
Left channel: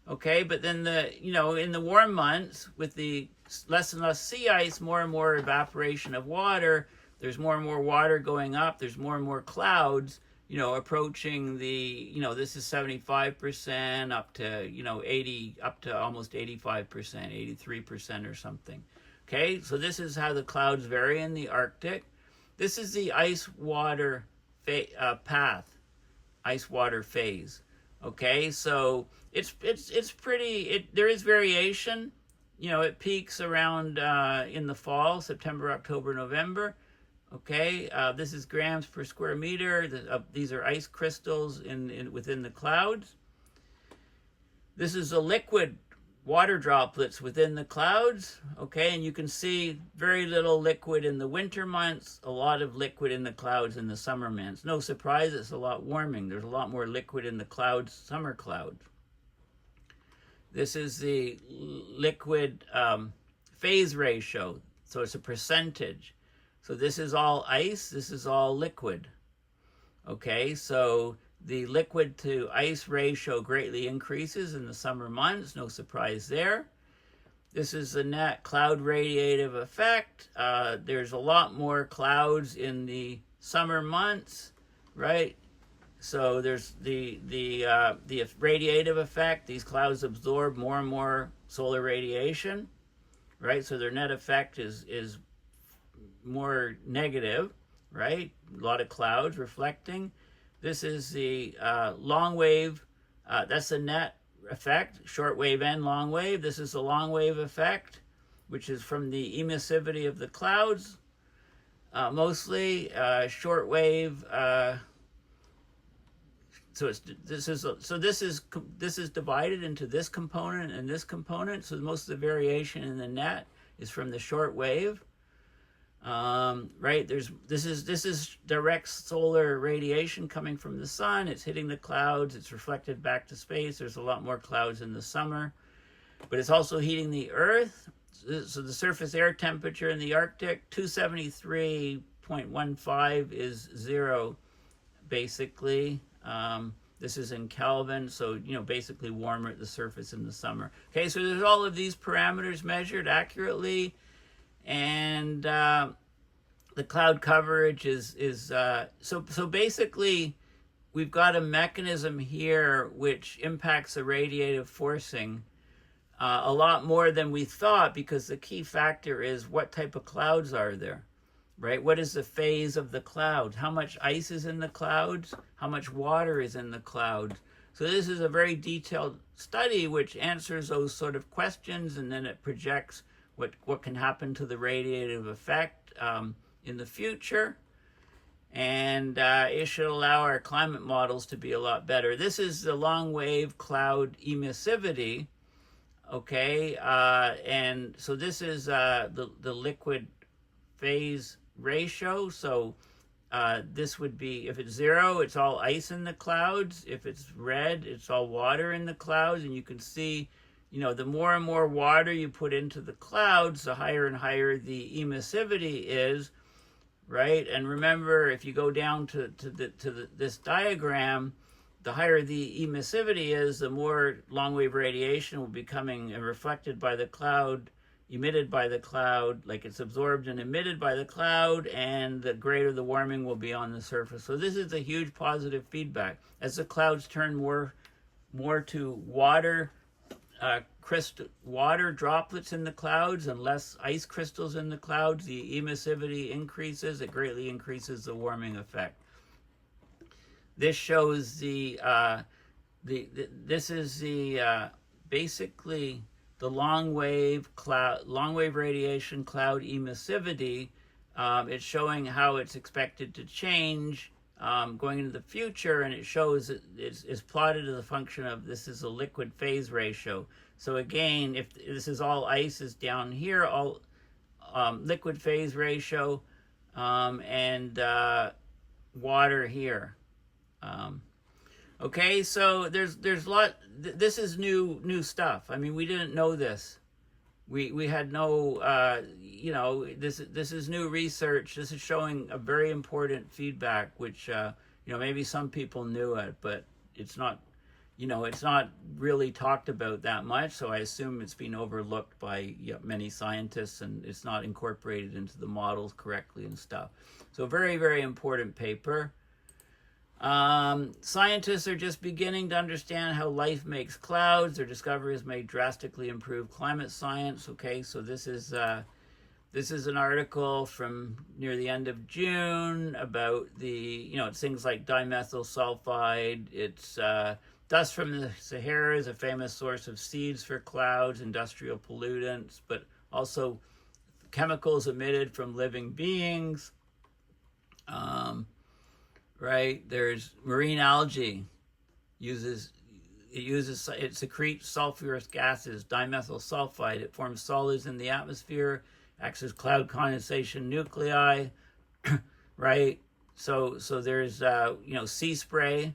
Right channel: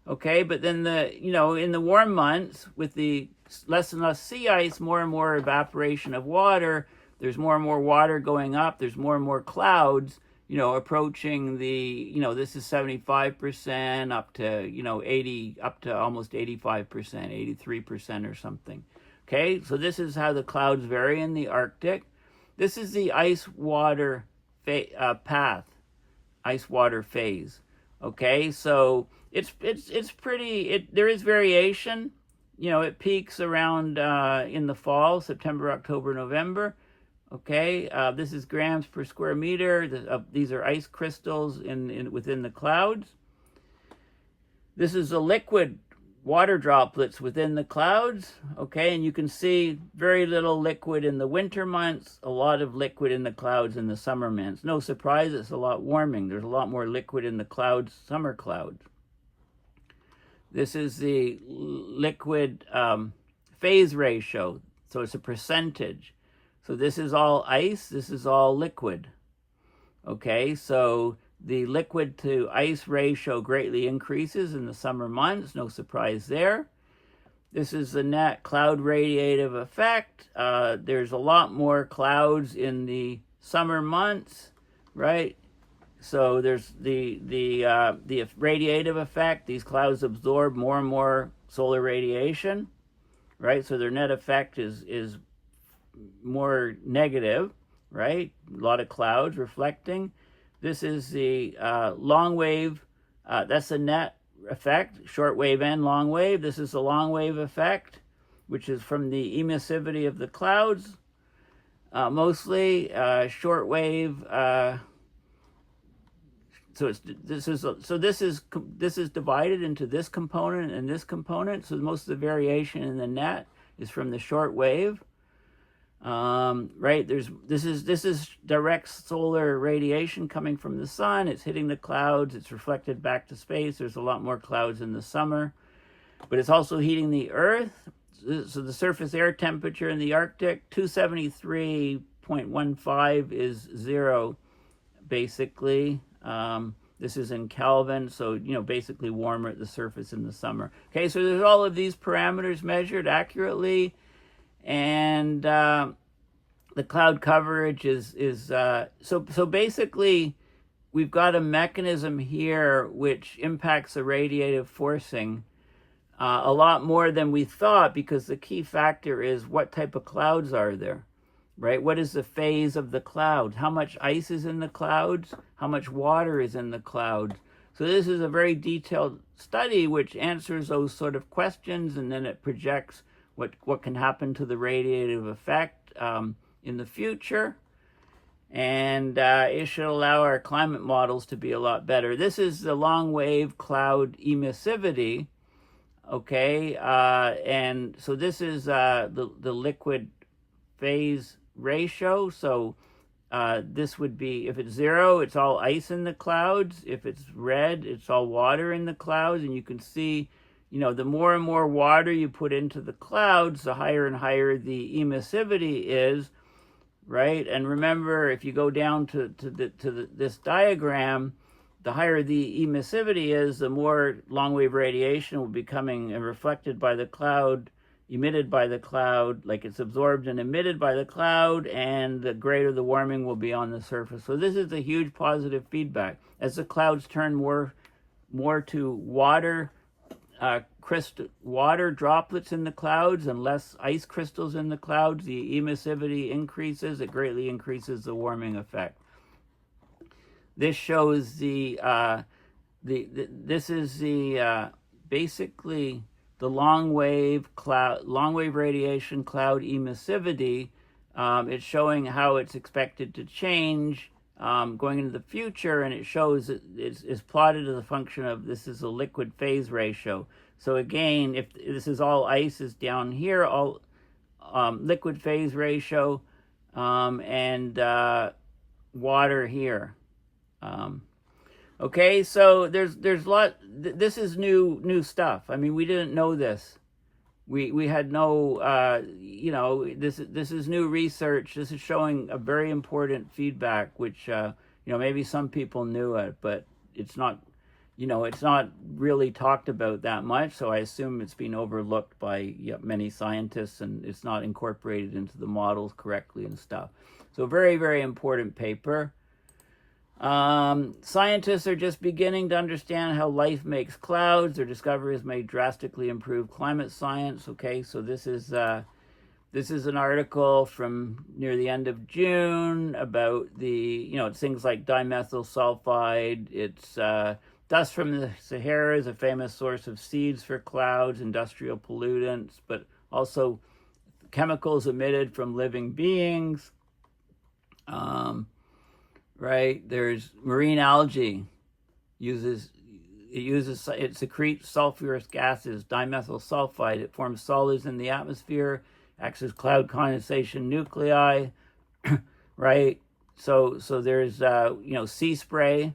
Okay, but then in the warm months with the less and less sea ice, more and more evaporation of water, there's more and more water going up, there's more and more clouds, you know, approaching the, you know, this is 75% up to, you know, 80, up to almost 85%, 83% or something. Okay, so this is how the clouds vary in the Arctic. This is the ice water path, ice water phase. Okay, so it's pretty, there is variation. You know, it peaks around in the fall, September, October, November. Okay, this is grams per square meter. These are ice crystals within the clouds. This is the liquid water droplets within the clouds. Okay, and you can see very little liquid in the winter months, a lot of liquid in the clouds in the summer months. No surprise, it's a lot warming. There's a lot more liquid in the clouds, summer clouds. This is the liquid phase ratio, so it's a percentage. So this is all ice, this is all liquid. Okay, so the liquid to ice ratio greatly increases in the summer months, no surprise there. This is the net cloud radiative effect. There's a lot more clouds in the summer months, right? So there's the radiative effect. These clouds absorb more and more solar radiation, right? So their net effect is more negative, right? A lot of clouds reflecting. This is the long wave. That's the net effect, short wave and long wave. This is the long wave effect, which is from the emissivity of the clouds. Mostly short wave. This is divided into this component and this component. So most of the variation in the net is from the short wave. Right, this is direct solar radiation coming from the sun. It's hitting the clouds, it's reflected back to space. There's a lot more clouds in the summer, but it's also heating the earth. So the surface air temperature in the Arctic, 273.15 is 0 basically. This is in Kelvin, so basically warmer at the surface in the summer. Okay, so there's all of these parameters measured accurately. And the cloud coverage is so basically we've got a mechanism here which impacts the radiative forcing a lot more than we thought, because the key factor is what type of clouds are there, right? What is the phase of the clouds? How much ice is in the clouds? How much water is in the clouds? So this is a very detailed study which answers those sort of questions, and then it projects what can happen to the radiative effect in the future, and it should allow our climate models to be a lot better. This is the long wave cloud emissivity, okay, and so this is the liquid phase ratio. So this would be, if it's 0, it's all ice in the clouds. If it's red, it's all water in the clouds, and you can see the more and more water you put into the clouds, the higher and higher the emissivity is, right? And remember, if you go down to this diagram, the higher the emissivity is, the more long-wave radiation will be coming and reflected by the cloud, emitted by the cloud, like it's absorbed and emitted by the cloud, and the greater the warming will be on the surface. So this is a huge positive feedback. As the clouds turn more to water, water droplets in the clouds and less ice crystals in the clouds, the emissivity increases. It greatly increases the warming effect. This shows this is basically the long wave radiation cloud emissivity. It's showing how it's expected to change going into the future, and it shows it's plotted as a function of, this is a liquid phase ratio. So again, if this is all ice is down here, all liquid phase ratio, and water here. Okay, so there's this is new stuff. I mean, we didn't know this. We had no this is new research. This is showing a very important feedback, which maybe some people knew it, but it's not it's not really talked about that much. So I assume it's been overlooked by many scientists, and it's not incorporated into the models correctly and stuff. So very, very important paper. Scientists are just beginning to understand how life makes clouds. Their discoveries may drastically improve climate science. Okay, so this is an article from near the end of June about the things like dimethyl sulfide. It's dust from the Sahara is a famous source of seeds for clouds, industrial pollutants, but also chemicals emitted from living beings. Right, there's marine algae it secretes sulfurous gases, dimethyl sulfide. It forms solids in the atmosphere, acts as cloud condensation nuclei. Right, so there's sea spray,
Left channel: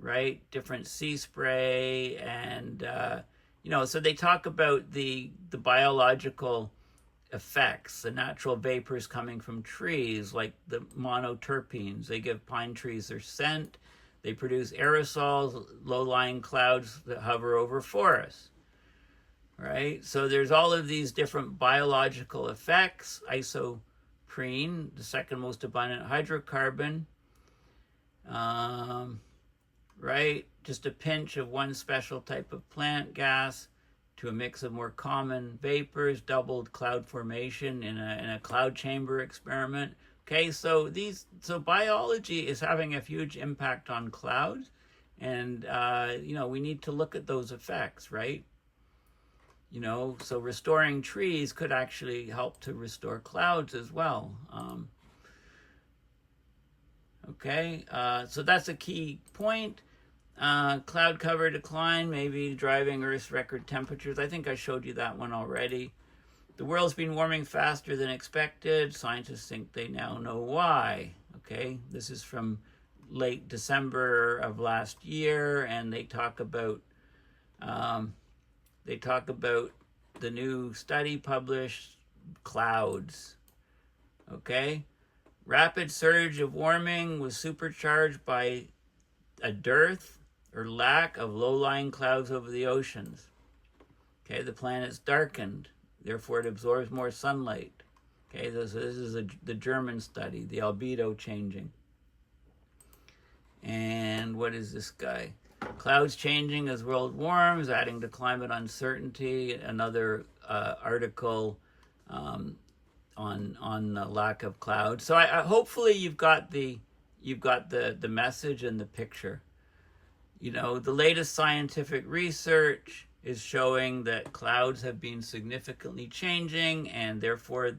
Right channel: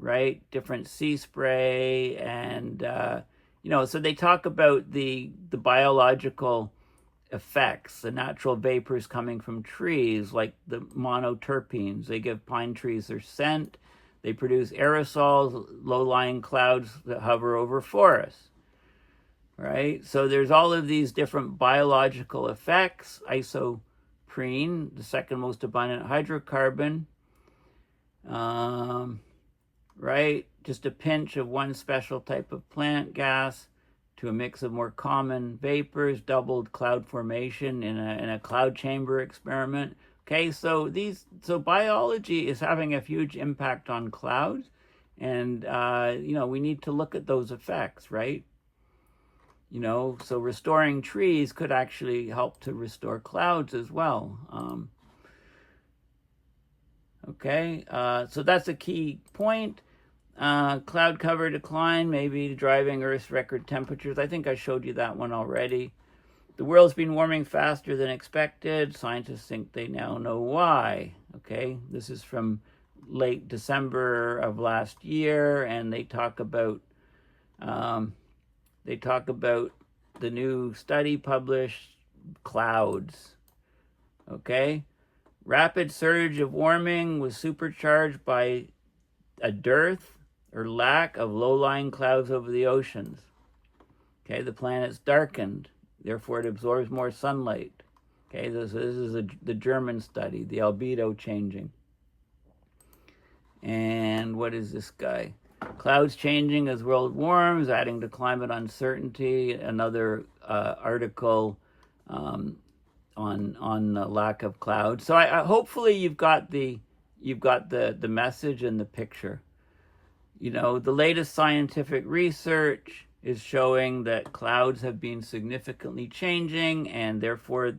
right, different sea spray, and so they talk about the biological effects, the natural vapors coming from trees, like the monoterpenes. They give pine trees their scent. They produce aerosols, low-lying clouds that hover over forests, right? So there's all of these different biological effects. Isoprene, the second most abundant hydrocarbon, right? Just a pinch of one special type of plant gas to a mix of more common vapors, doubled cloud formation in a cloud chamber experiment. Okay, so biology is having a huge impact on clouds, and we need to look at those effects, right? So restoring trees could actually help to restore clouds as well. So that's a key point. Cloud cover decline, maybe driving Earth's record temperatures. I think I showed you that one already. The world's been warming faster than expected. Scientists think they now know why. Okay, this is from late December of last year, and they talk about the new study published, clouds. Okay, rapid surge of warming was supercharged by a dearth or lack of low-lying clouds over the oceans. Okay, the planet's darkened, therefore it absorbs more sunlight. Okay, this is the German study, the albedo changing. And what is this guy? Clouds changing as world warms, adding to climate uncertainty. Another article on the lack of clouds. So I hopefully you've got the message and the picture. The latest scientific research is showing that clouds have been significantly changing, and therefore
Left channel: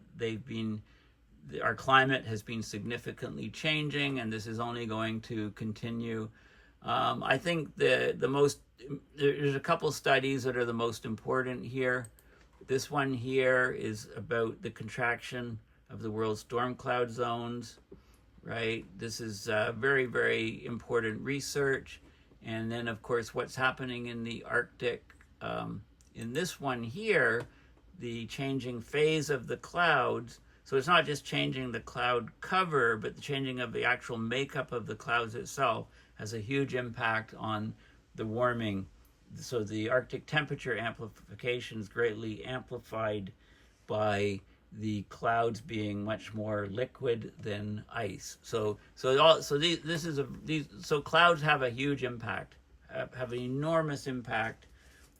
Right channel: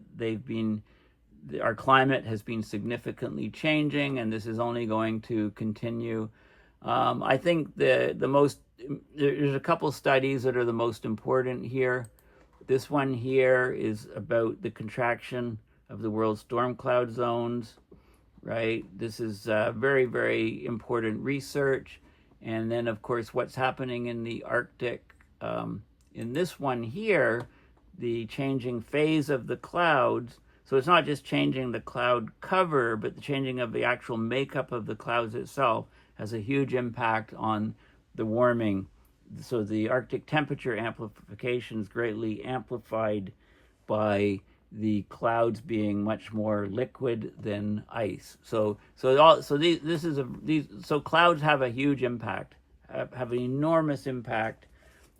our climate has been significantly changing, and this is only going to continue. I think there's a couple studies that are the most important here. This one here is about the contraction of the world's storm cloud zones, right? This is very, very important research. And then, of course, what's happening in the Arctic. In this one here, the changing phase of the clouds. So it's not just changing the cloud cover, but the changing of the actual makeup of the clouds itself has a huge impact on the warming. So the Arctic temperature amplification is greatly amplified by the clouds being much more liquid than ice. So clouds have a huge impact, have an enormous impact,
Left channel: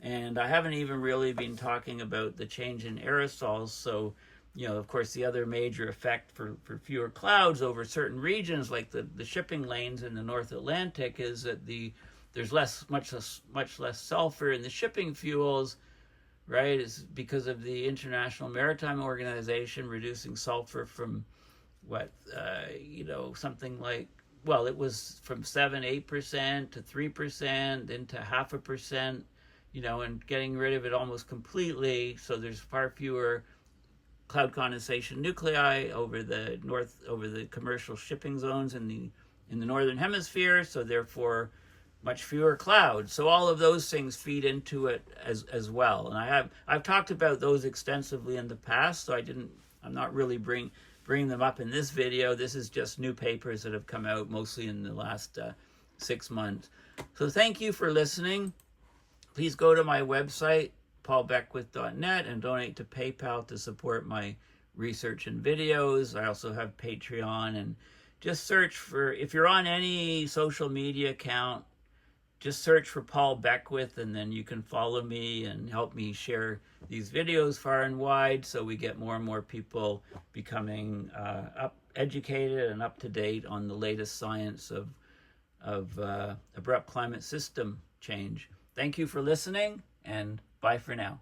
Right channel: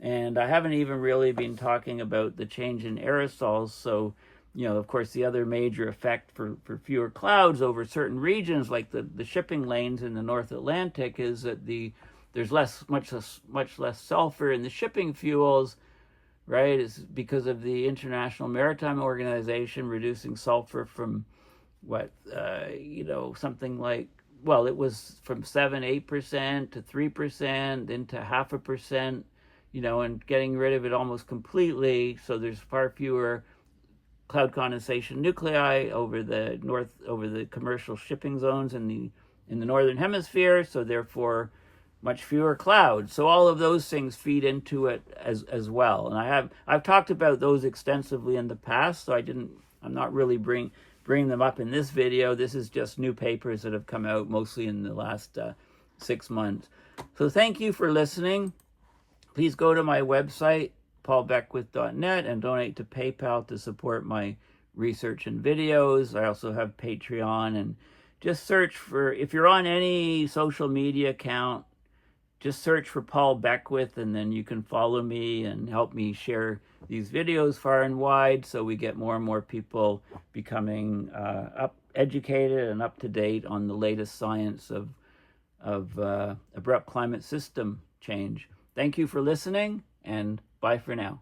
and I haven't even really been talking about the change in aerosols. So, of course, the other major effect for fewer clouds over certain regions, like the shipping lanes in the North Atlantic, is that there's much less sulfur in the shipping fuels. Right, it's because of the International Maritime Organization reducing sulfur from something like, it was from 7-8% to 3%, then to 0.5%, and getting rid of it almost completely. So there's far fewer cloud condensation nuclei over the commercial shipping zones in the northern hemisphere. So therefore, much fewer clouds. So all of those things feed into it as well. And I've talked about those extensively in the past, so I'm not really bring them up in this video. This is just new papers that have come out mostly in the last 6 months. So thank you for listening. Please go to my website, paulbeckwith.net, and donate to PayPal to support my research and videos. I also have Patreon, and just search for, if you're on any social media account, just search for Paul Beckwith, and then you can follow me and help me share these videos far and wide, so we get more and more people becoming educated and up to date on the latest science of abrupt climate system change. Thank you for listening, and bye for now.